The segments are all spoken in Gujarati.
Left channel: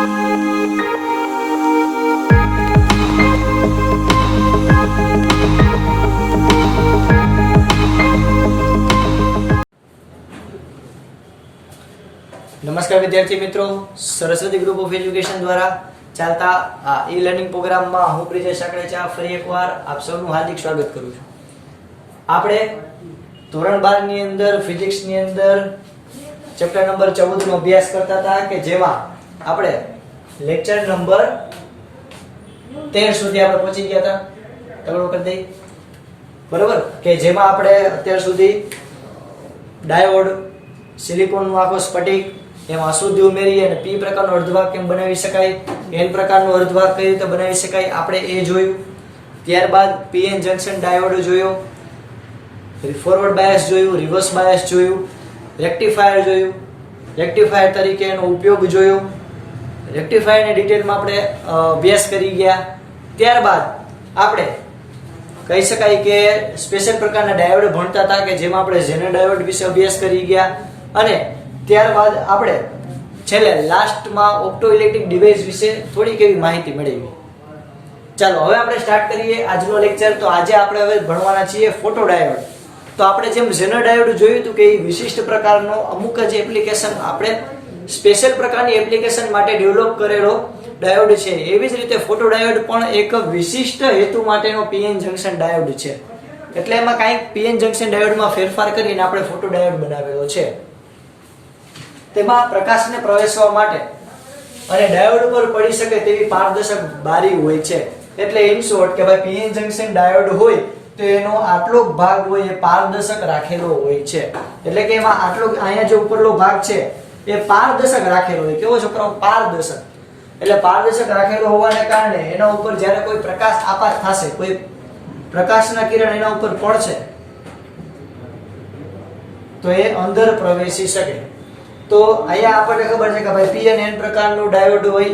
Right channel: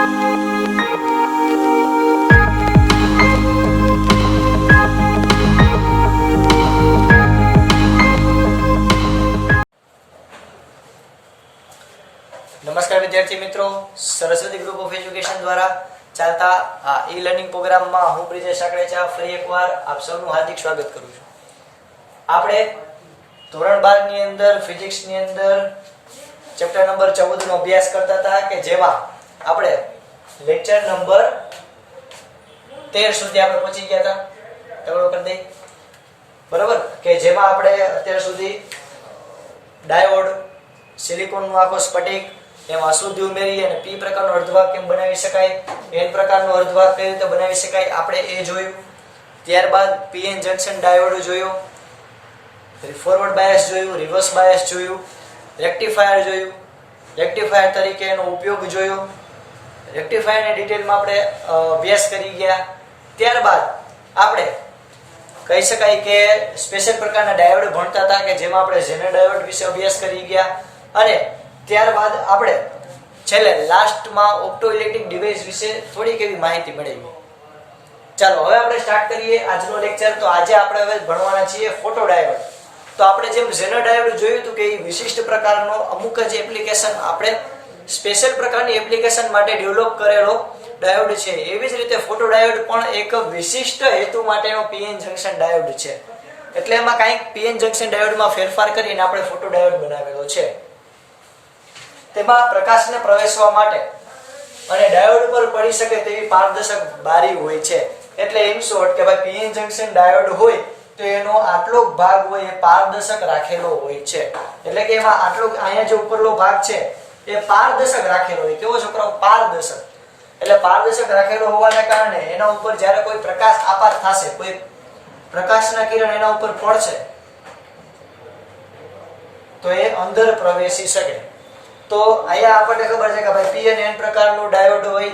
નમસ્કાર વિદ્યાર્થી મિત્રો, સરસ્વતી ગ્રુપ ઓફ એજ્યુકેશન દ્વારા ચાલતા આ ઈ લર્નિંગ પ્રોગ્રામમાં હું બ્રિજેશ સાકરેચા ફરી એકવાર આપ સૌનું હાર્દિક સ્વાગત કરું છું. આપણે ધોરણ 12 ની અંદર ફિઝિક્સ ની અંદર ચેપ્ટર નંબર 14 નો અભ્યાસ કરતા હતા કે જેમાં આપણે લેક્ચર નંબર 13 સુધી આપણે પહોંચી ગયા હતા. તમે કરી દઈ બરોબર કે જેમાં આપણે અત્યાર સુધી ડાયોડ, સિલિકોનનો આખો સ્ફટિક, એમાં અશુદ્ધિ ઉમેરી અને પી પ્રકારનો અર્ધવાહક કેમ બનાવી શકાય, એન પ્રકારનો અર્ધવાહક કઈ રીતે બનાવી શકાય આપણે એ જોયું. ત્યારબાદ પીએન જંકશન ડાયોડ જોયો, ફોરવર્ડ બાયસ જોયું, રિવર્સ બાયસ જોયું, રેક્ટિફાયર જોયું, રેક્ટિફાયર તરીકે એનો ઉપયોગ જોયો. રેક્ટિફાયરની ડિટેલમાં આપણે અભ્યાસ કરી ગયા. ત્યારબાદ આપણે કહી શકાય કે સ્પેશિયલ પ્રકારના ડાયોડ ભણતા હતા કે જેમાં આપણે ઝેનર ડાયોડ વિશે અભ્યાસ કરી ગયા. અને ત્યારબાદ આપણે છેલ્લે લાસ્ટમાં ઓપ્ટો ઇલેક્ટ્રિક ડિવાઇસ વિશે થોડીક એવી માહિતી મેળવી. ચાલો હવે આપણે સ્ટાર્ટ કરીએ આજનો લેક્ચર. તો આજે આપણે હવે ભણવાના છીએ ફોટો ડાયોડ. તો આપણે જેમ ઝેનર ડાયોડ જોયું હતું કે એ વિશિષ્ટ પ્રકારનો અમુક જ એપ્લિકેશન આપણે સ્પેશિયલ પ્રકારની એપ્લિકેશન માટે ડેવલપ કરેલો ડાયોડ છે, એવી જ રીતે ફોટો ડાયોડ પણ એક વિશિષ્ટ હેતુ માટેનો પીએન જંકશન ડાયોડ છે. એટલે એમાં કાંઈક પીએન જંકશન ડાયોડમાં ફેરફાર કરીને આપણે ફોટો ડાયોડ બનાવેલો છે. તેમાં પ્રકાશને પ્રવેશવા માટે અને ડાયોડ પર પડી શકે તેવી પારદર્શક બારી હોય છે. એટલે ઇન શોર્ટ કે ભાઈ પીએન જંકશન ડાયોડ હોય તો એનો આટલો ભાગ હોય એ પારદર્શક રાખેલો હોય છે. એટલે કે એમાં આટલો અહીંયા જે ઉપરનો ભાગ છે એ પારદર્શક રાખેલો હોય. કેવો છોકરાઓ? પારદર્શક. એટલે પારદર્શક રાખેલો હોવાને કારણે એના ઉપર જ્યારે કોઈ પ્રકાશ આપાત થશે, કોઈ પ્રકાશના કિરણ એના ઉપર પડશે તો એ અંદર પ્રવેશી શકે. તો અહીંયા આપણને ખબર છે કે ભાઈ પી અને એન પ્રકારનો ડાયોડ હોય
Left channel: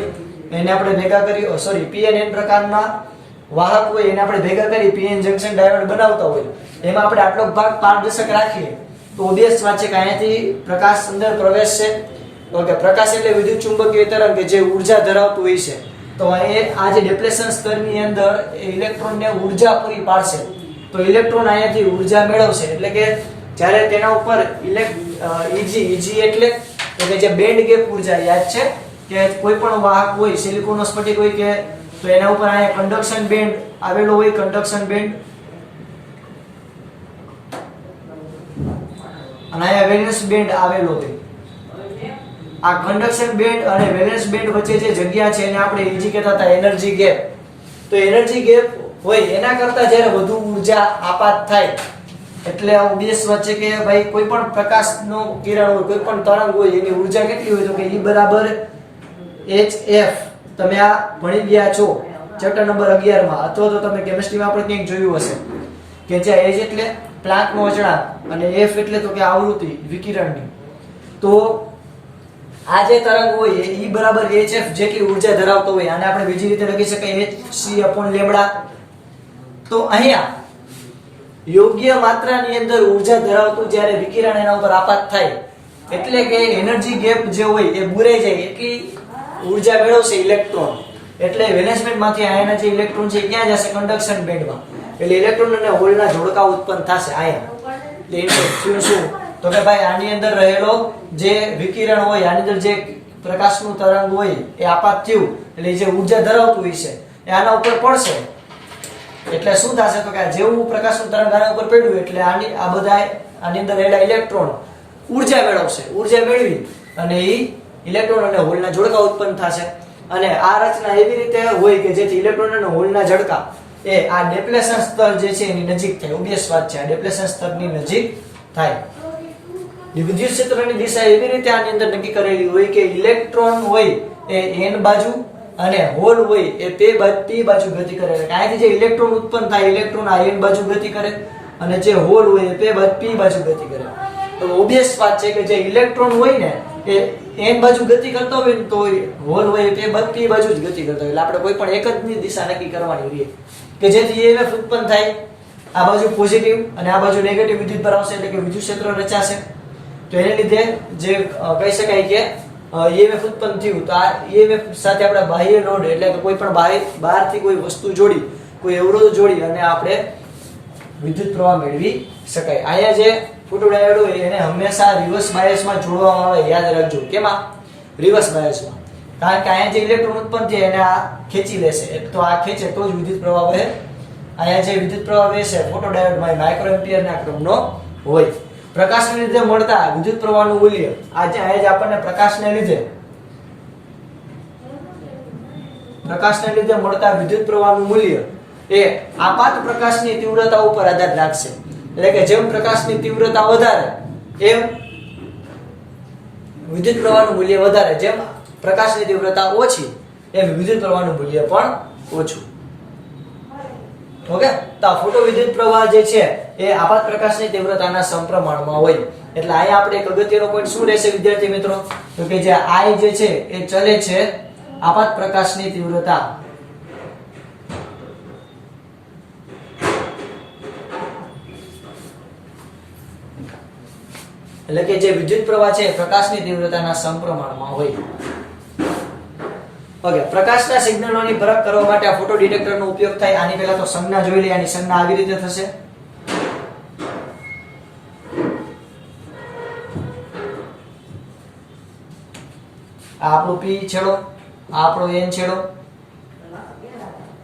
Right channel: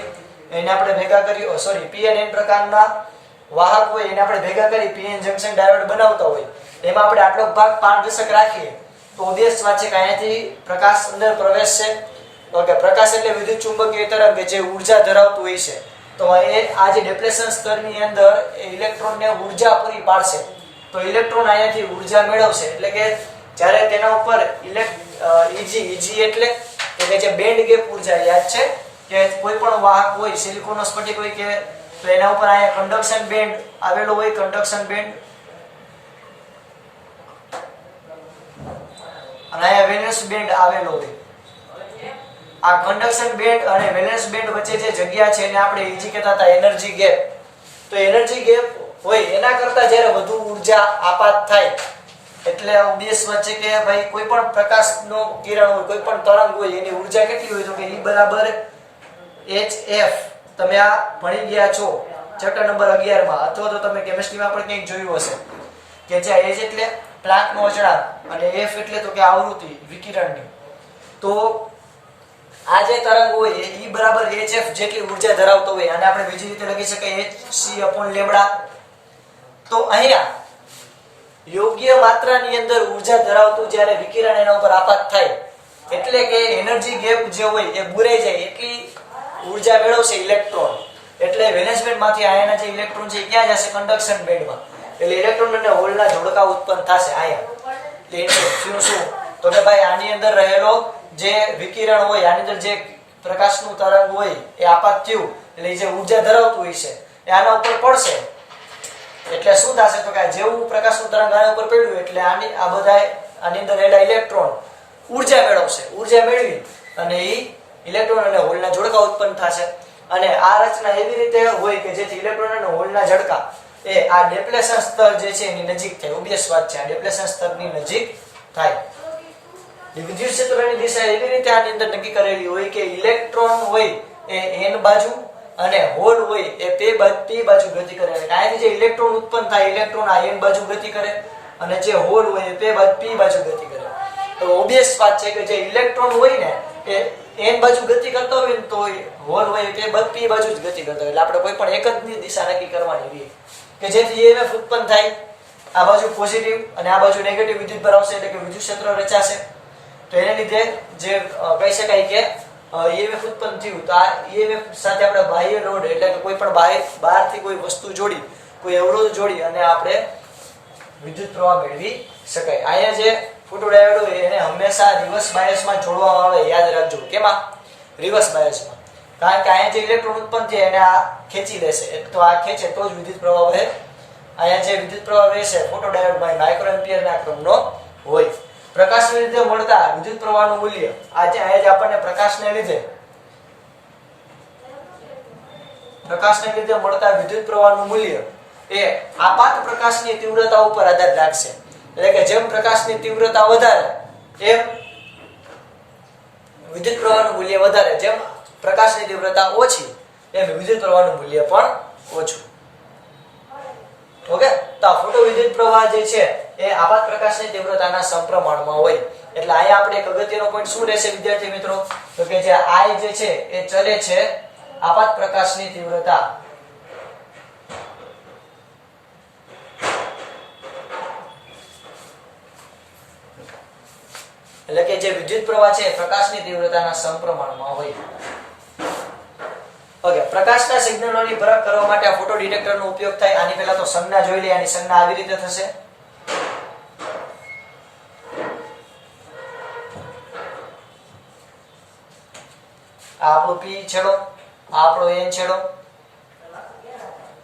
એને આપણે ભેગા કરી, પી અને એન પ્રકારના વાહક હોય એને આપણે ભેગા કરી પીએન જંકશન ડાયોડ બનાવતા હોય. એમાં આપણે આટલો ભાગ પારદર્શક રાખીએ તો ઓબ્વિયસ વાત છે કે અહીંયાથી પ્રકાશ અંદર પ્રવેશશે. ઓકે, પ્રકાશ એટલે વિદ્યુત ચુંબકીય તરંગ જે ઉર્જા ધરાવતું હોય છે. તો આ જે ડિપ્લેશન સ્તરની અંદર ઇલેક્ટ્રોનને ઉર્જા પૂરી પાડશે. તો ઇલેક્ટ્રોન અહીંયાથી ઉર્જા મેળવશે. એટલે કે જ્યારે તેના ઉપર ઈજી એટલે કે જે બેન્ડ ગેપ ઉર્જા, યાદ છે કે કોઈ પણ વાહક હોય, સિલિકોનનો સ્ફટિક હોય કે તો એના ઉપર અહીંયા કન્ડક્શન બેન્ડ આવેલો હોય, કન્ડક્શન બેન્ડ, અને અહીંયા વેલેન્સ બેન્ડ આવેલો હોય. આ કન્ડક્શન બેન્ડ અને વેલેન્સ બેન્ડ વચ્ચે જે જગ્યા છે એને આપણે ઈજી કહેતા હતા એનર્જી ગેપ. તો એનર્જી ગેપ હોય એના કરતા જ્યારે વધુ ઉર્જા આપાત થાય એટલે આ ઓબ્વિયસ વાત છે કે ભાઈ કોઈ પણ પ્રકાશનો કિરણ હોય, કોઈ પણ તરંગ હોય એની ઉર્જા કેટલી હોય? તો કે E બરાબર hf. તમે આ ભણી ગયા છો ચેપ્ટર નંબર 11 માં, અથવા તો તમે કેમિસ્ટ્રીમાં પણ ક્યાંક જોયું હશે કે જ્યાં h એટલે પ્લાન્કનો અચળાંક અને f એટલે તો કે આવૃત્તિ વિકિરણની. તો આ જે તરંગ હોય એ E બરાબર hf જેટલી ઉર્જા ધરાવતો હોય. આને આપણે બીજી રીતે લખી શકાય hc/λ. તો અહીંયા યોગ્ય માત્રાની અંદર ઉર્જા ધરાવતું જ્યારે વિકિરણ એના ઉપર આપાત થાય એટલે કે એનર્જી ગેપ જે હોય એ બુરાઈ જાય એટલી ઉર્જા મેળવશે ઇલેક્ટ્રોન. એટલે વેલેન્સ બેન્ડમાંથી આયના જે ઇલેક્ટ્રોન છે ક્યાં જશે? કન્ડક્શન બેન્ડમાં. એટલે ઇલેક્ટ્રોન અને હોલના જોડકા ઉત્પન્ન થશે આયન. એટલે શું તો કે ભાઈ આની અંદર રહેલો જે વિકિરણ હોય, આની અંદર જે પ્રકાશનું તરંગ હોય એ આપાત થયું એટલે જે ઉર્જા ધરાવતું હોય છે એ આના ઉપર પડશે. એટલે શું થશે? તો કે જેવું પ્રકાશનું તરંગ આના ઉપર પડ્યું એટલે આની અંદર રહેલા ઇલેક્ટ્રોન ઉર્જા મેળવશે. ઉર્જા મેળવી અને એ ઇલેક્ટ્રોન અને હોલના જોડકા ઉત્પન્ન થશે. અને આ રચના એવી રીતે હોય કે જેથી ઇલેક્ટ્રોન અને હોલના જોડકા એ આ ડિપ્લેશન સ્તર જે છે એની નજીક થાય. ઓબ્વિયસ વાત છે, આ ડિપ્લેશન સ્તરની નજીક થાય. વિદ્યુત ક્ષેત્રની દિશા એવી રીતે આની અંદર નક્કી કરેલી હોય કે ઇલેક્ટ્રોન હોય એ n બાજુ અને હોલ હોય એ p બાજુ ગતિ કરે. અહીંયાથી જે ઇલેક્ટ્રોન ઉત્પન્ન થાય ઇલેક્ટ્રોન આ n બાજુ ગતિ કરે અને જે હોલ હોય એ p બાજુ ગતિ કરે. તો ઓબ્વિયસ વાત છે કે જે ઇલેક્ટ્રોન હોય ને એ n બાજુ ગતિ કરતો હોય ને તો હોલ હોય એ p બાજુ જ ગતિ કરતો હોય. એટલે આપણે કોઈ પણ એક જ દિશા નક્કી કરવાની રહી કે જેથી EMF ઉત્પન્ન થાય. આ બાજુ પોઝિટિવ અને આ બાજુ નેગેટિવ વિદ્યુત પર આવશે એટલે કે વિદ્યુત ક્ષેત્ર રચાશે. તો એને લીધે જે કહી શકાય કે EMF ઉત્પન્ન થયું તો આ EMF સાથે આપણે બાહ્ય લોડ એટલે કે કોઈ પણ બહારથી કોઈ વસ્તુ જોડી, કોઈ અવરોધ જોડી અને આપણે વિદ્યુત પ્રવાહ મેળવી શકાય. અહીંયા જે ફોટોડાયોડ હોય એને હંમેશા રિવર્સ બાયસમાં જોડવામાં આવે. યાદ રાખજો. કેમાં? રિવર્સ બાયસમાં. કારણ કે અહીંયા જે ઇલેક્ટ્રોન ઉત્પન્ન થાય એને આ ખેંચી લેશે. તો આ ખેંચે તો જ વિદ્યુત પ્રવાહ વહે. અહીંયા જે વિદ્યુત પ્રવાહ વહેશે ફોટોડાયોડમાં માઇક્રોએમ્પિયરના ક્રમનો હોય. પ્રકાશને લીધે મળતા વિદ્યુત પ્રવાહનું મૂલ્ય અહીંયા જે આપણને પ્રકાશને લીધે મળતા વિદ્યુત પ્રવાહનું મૂલ્ય એ આપાત પ્રકાશની તીવ્રતા ઉપર આધાર રાખશે. એટલે કે જેમ પ્રકાશની તીવ્રતા વધારે એમ વિદ્યુત પ્રવાહનું મૂલ્ય વધારે, જેમ પ્રકાશની તીવ્રતા ઓછી એમ વિદ્યુત પ્રવાહનું મૂલ્ય પણ ઓછું. ઓકે, તો આ ફોટો વિદ્યુત પ્રવાહ જે છે એ આપાત પ્રકાશની તીવ્રતાના સમપ્રમાણમાં હોય. એટલે અહીંયા આપણે એક અગત્યનો પોઈન્ટ શું રહેશે વિદ્યાર્થી મિત્રો? તો કે જે I જે છે એ ચલે છે આપાત પ્રકાશની તીવ્રતા એટલે કે જે વિદ્યુત પ્રવાહ છે પ્રકાશની તીવ્રતાના સમપ્રમાણમાં હોય. ઓકે, પ્રકાશના સિગ્નલોની પરખ કરવા માટે આ ફોટો ડિટેક્ટરનો ઉપયોગ થાય. આની પહેલા તો સંજ્ઞા જોઈ લઈએ. આની સંજ્ઞા આવી રીતે થશે. આ આપણો P છેડો, આ આપણો N છેડો,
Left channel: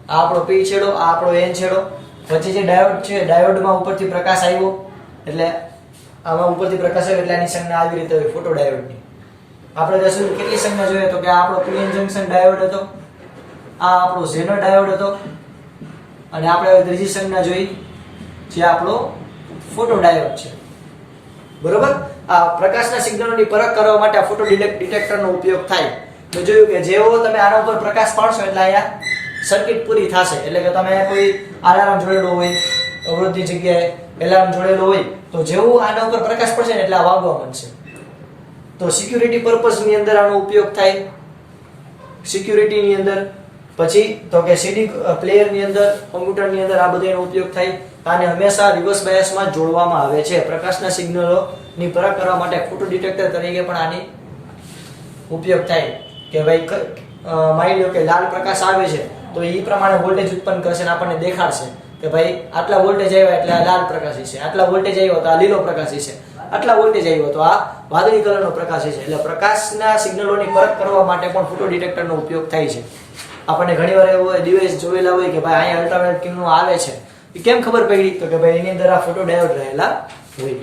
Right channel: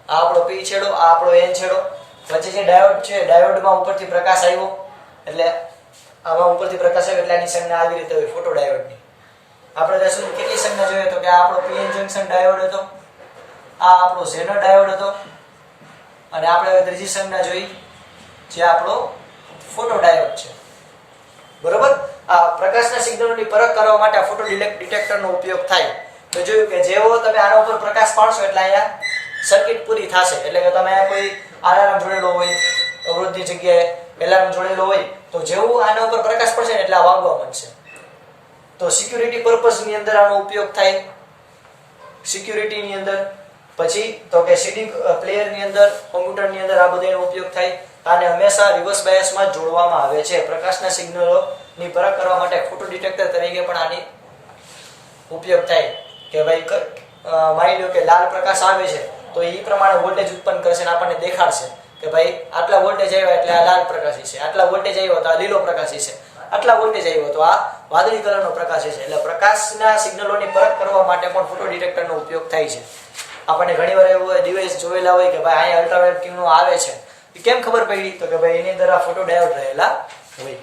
આ આપણો P છેડો, આ આપણો N છેડો. પછી જે ડાયોડ છે, ડાયોડમાં ઉપરથી પ્રકાશ આવ્યો એટલે આમાં ઉપરથી પ્રકાશ આવ્યો એટલે આની સંજ્ઞા આવી રીતે હોય ફોટો ડાયોડની. આપણે ત્યાં સુધી કેટલી સંજ્ઞા જોઈએ તો કે આ આપણો PN જંકશન ડાયોડ હતો, આ આપણો ઝેનર ડાયોડ હતો અને આપણે હવે ત્રીજી સંજ્ઞા જોઈ જે આપણો ફોટો ડાયોડ છે. બરોબર? આ પ્રકાશના સિગ્નલોની પરખ કરવા માટે આ ફોટો ડિટેક્ટરનો ઉપયોગ થાય. તો જોયું કે જેવો તમે આના ઉપર પ્રકાશ પાડશો એટલે અહીંયા સર્કિટ પૂરી થશે. એટલે કે તમે કોઈ અલાર્મ જોડેલો હોય, અવરોધની જગ્યાએ એલાર્મ જોડેલો હોય તો જેવું આના ઉપર પ્રકાશ પડશે ને એટલે આ વાગવા માંડશે. તો સિક્યુરિટી પર્પઝ ની અંદર આનો ઉપયોગ થાય. સિક્યુરિટી ની અંદર પછી તો કે સીડી પ્લેયર ની અંદર, કોમ્પ્યુટર ની અંદર આ બધાનો ઉપયોગ થાય. આને હંમેશા રિવર્સ બાયસમાં જોડવામાં આવે છે. પ્રકાશના સિગ્નલોની પરખ કરવા માટે ફોટો ડિટેક્ટર તરીકે પણ આની ઉપયોગ થાય. કે ભાઈ માની લો કે લાલ પ્રકાશ આવે છે તો એ પ્રમાણે વોલ્ટેજ ઉત્પન્ન કરશે અને આપણને દેખાડશે કે ભાઈ આટલા વોલ્ટેજ આવ્યા એટલે આ લાલ પ્રકાશી છે, આટલા વોલ્ટેજ આવ્યો તો આ લીલો પ્રકાશી છે, આટલા વોલ્ટેજ આવ્યો તો આ વાદળી કલરનો પ્રકાશી છે. એટલે પ્રકાશના સિગ્નલોની પરખ કરવા માટે પણ ફોટો ડિટેક્ટરનો ઉપયોગ થાય છે. આપણને ઘણીવાર એવો ડિવાઇસ જોયેલા હોય કે ભાઈ અહીંયા અલ્ટ્રાવાયોલેટ કિરણો આવે છે, એ કેમ ખબર પડી? તો કે ભાઈ એની અંદર આ ફોટો ડાયોડ રહેલા હોય.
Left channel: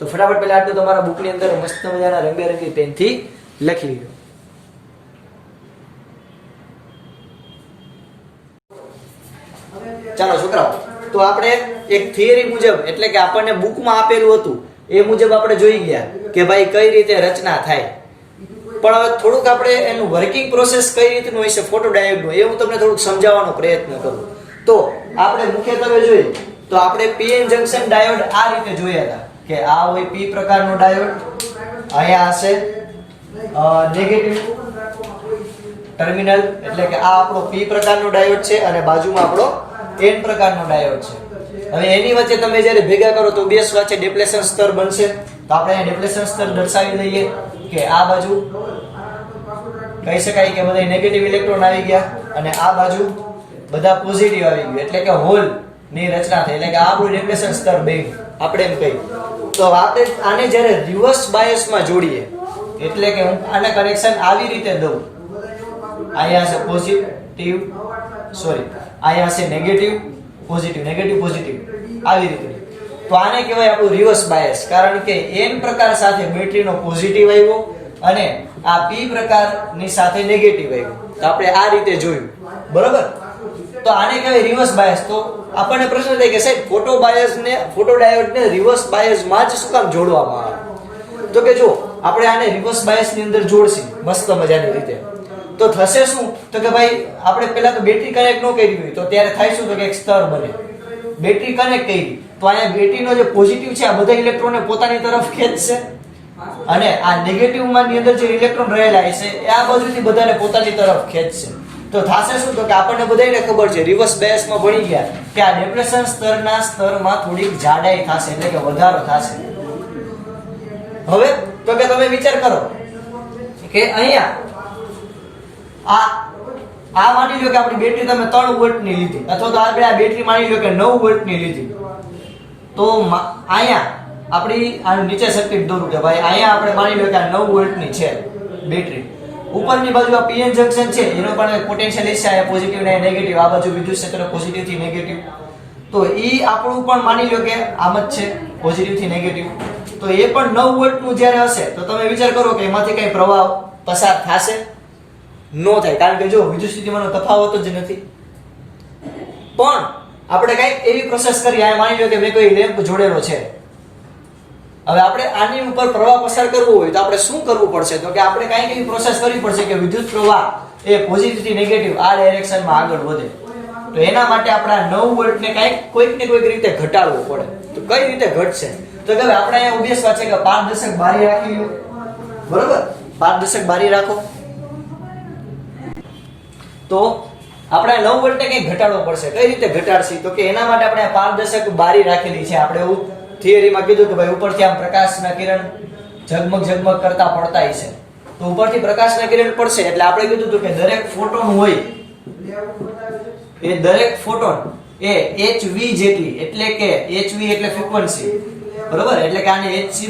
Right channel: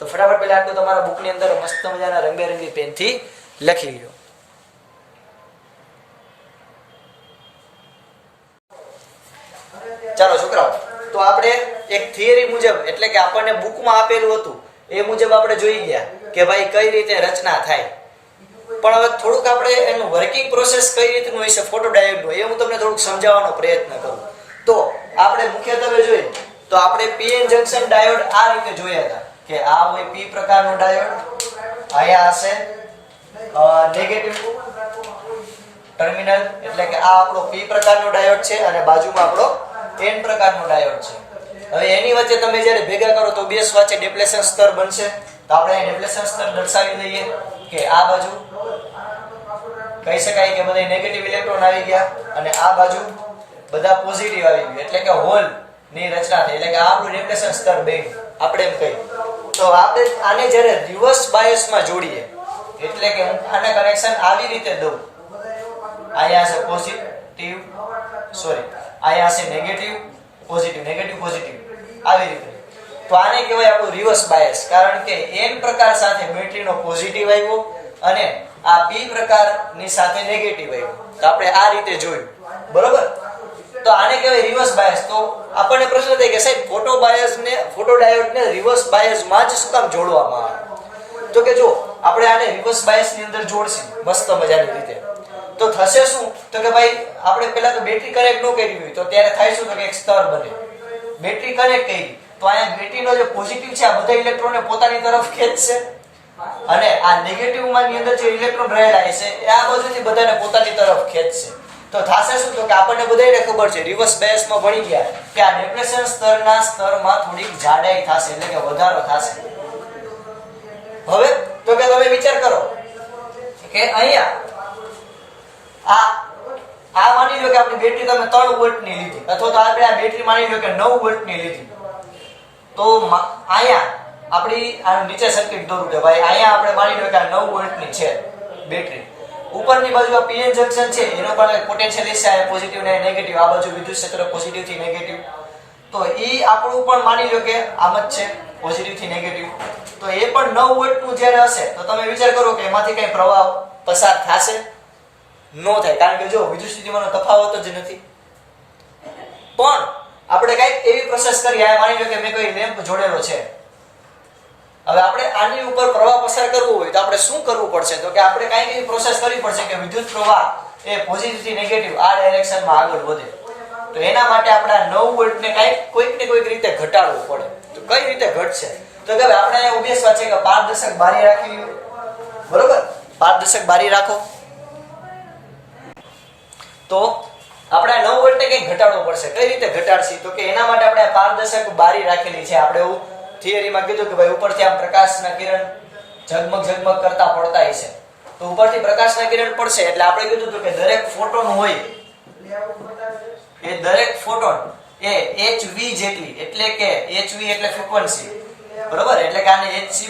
તો ફટાફટ પહેલા આટલું તમારા બુકની અંદર મસ્ત મજાના રંગબેરંગી પેનથી લખી લીધો. ચાલો છોકરાઓ, તો આપણે એક થિયરી મુજબ એટલે કે આપણને બુકમાં આપેલું હતું એ મુજબ આપણે જોઈ ગયા કે ભાઈ કઈ રીતે રચના થાય. પણ હવે થોડુંક આપણે એનું વર્કિંગ પ્રોસેસ કઈ રીતનું હોય છે ફોટો ડાયોડનું એ હું તમને થોડુંક સમજાવવાનો પ્રયત્ન કરું. તો આપણે મુખ્યત્વે જોઈએ તો આપણે PN જંકશન ડાયોડ આ રીતે જોયા હતા કે આ હોય P પ્રકારનો ડાયોડ, અહીંયા હશે નેગેટિવ ટર્મિનલ એટલે કે આ આપણો P પ્રકારનો ડાયોડ છે અને બાજુમાં આપણો N પ્રકારનો ડાયોડ છે. હવે એની વચ્ચે તમે જ્યારે ભેગા કરો તો બે વચ્ચે ડિપ્લેશન સ્તર બનશે. તો આપણે અહીં ડિપ્લેશન સ્તર દર્શાવી લઈએ કે આ બાજુ કહી શકાય કે બધા નેગેટિવ ઇલેક્ટ્રોન આવી ગયા અને આ બાજુ બધા પોઝિટિવ આવી ગયા એટલે કે હોલ ની રચના થઈ. એટલે કે આ આપણું ડિપ્લેશન સ્તર બે આપણે એમ કહીએ. તો આપણે આને જ્યારે રિવર્સ બાયસમાં જોડીએ એટલે કે હું આને કનેક્શન આવી રીતે દઉં, અહીંયા છે પોઝિટિવ અહીંયા છે નેગેટિવ પોઝિટિવ આવી રીતે, તો આને કહેવાય આપણું રિવર્સ બાયસ. કારણ કે N પ્રકાર સાથે બેટરીનો પોઝિટિવ આવ્યો અને આ P પ્રકારની સાથે નેગેટિવ આવ્યો. તો આપણે આ રીતે જોયું. બરોબર? તો આને કહેવાય રિવર્સ બાયસ. તો આપણને પ્રશ્ન થાય કે સાહેબ ફોટો ડાયોડને રિવર્સ બાયસમાં જ શું કામ જોડવામાં આવે? તો કે જો આપણે આને રિવર્સ બાયસની અંદર જોડશું મસ્ત મજાની રીતે તો થશે શું? તો કે ભાઈ આપણે પહેલા તો બેટરી કનેક્ટ ન કરી હોય તો ત્યારે થાય શું? તો કે એક સ્તર બને. બેટરી કનેક્ટ કરી તો અહીંયા બેટરીનો જે પોઝિટિવ છે આ બધા ઇલેક્ટ્રોનને પોતાની તરફ ખેંચશે અને આ નેગેટિવ માની અંદર જે ઇલેક્ટ્રોન રહેલા હશે એ આ બાજુથી બધાને પોતાની તરફ ખેંચશે. તો થશે શું? તો કે આપણને બધાને ખબર છે રિવર્સ બાયસમાં ભણી ગયા કે આ ડિપ્લેશન સ્તરના સ્તરમાં થોડીક જાડાઈ થશે એટલે કે વધારો થશે. હવે તો કે તમે વિચાર કરો કે અહીંયા આ માની લો કે આપણી બેટરી તમે 3 વોલ્ટની લીધી, અથવા તો આપણે આ બેટરી માની લો કે 9 વોલ્ટની લીધી, તો અહીંયા આપણી આનું નીચે સર્કિટ દોરું કે ભાઈ અહીંયા આપણે માની લો કે આ 9 વોલ્ટની છે બેટરી, ઉપરની બાજુ આ પીએન જંક્શન છે એનો પણ એક પોટેન્શિયલ છે, પોઝિટિવ ને નેગેટિવ, આ બાજુ વિદ્યુત ક્ષેત્ર પોઝિટિવ થી નેગેટિવ, તો ઈ આપણું પણ માની લો કે આમ જ છે પોઝિટિવ થી નેગેટિવ, તો એ પણ 9 વોલ્ટ નું જ્યારે હશે તો તમે વિચાર કરો કે એમાંથી કઈ પ્રવાહ પસાર થશે? નો થાય, કારણ કે જો વિદ્યુત સ્થિતિમાનનો તફાવત જ નથી. પણ આપણે કઈક એવી પ્રોસેસ કરી, આ માની લો કે મેં કોઈ લેમ્પ જોડેલો છે, હવે આપણે આની ઉપર પ્રવાહ પસાર કરવો હોય તો આપણે શું કરવું પડશે? તો કે આપણે કઈક એવી પ્રોસેસ કરવી પડશે કે વિદ્યુત પ્રવાહ એ પોઝિટિવ થી નેગેટિવ આ ડાયરેક્શનમાં આગળ વધે. તો એના માટે આપણે આ 9 વોલ્ટ ને કોઈક ને કોઈક રીતે ઘટાડવું પડે. તો કઈ રીતે ઘટશે? તો કે આપણે અહીંયા ઉદ્દેશ વાત છે કે પારદર્શક બારી રાખી લ્યો, બરોબર? પારદર્શક બારી રાખો તો આપણે 9 વોલ્ટ ને કંઈક ઘટાડવો પડશે. કઈ રીતે ઘટાડશી? તો કે એના માટે આપણે પારદર્શક બારી રાખેલી છે. આપણે એવું થિયરીમાં કીધું કે ભાઈ ઉપરથી આમ પ્રકાશના કિરણ ઝગમગ કરતા પડતા છે, તો ઉપરથી પ્રકાશના કિરણ પડશે એટલે આપણે કીધું હતું કે દરેક ફોટોન હોય એ દરેક ફોટોન એ hv જેટલી, એટલે કે hv એટલે ફ્રીક્વન્સી, બરોબર? એટલે કે આને hc/λ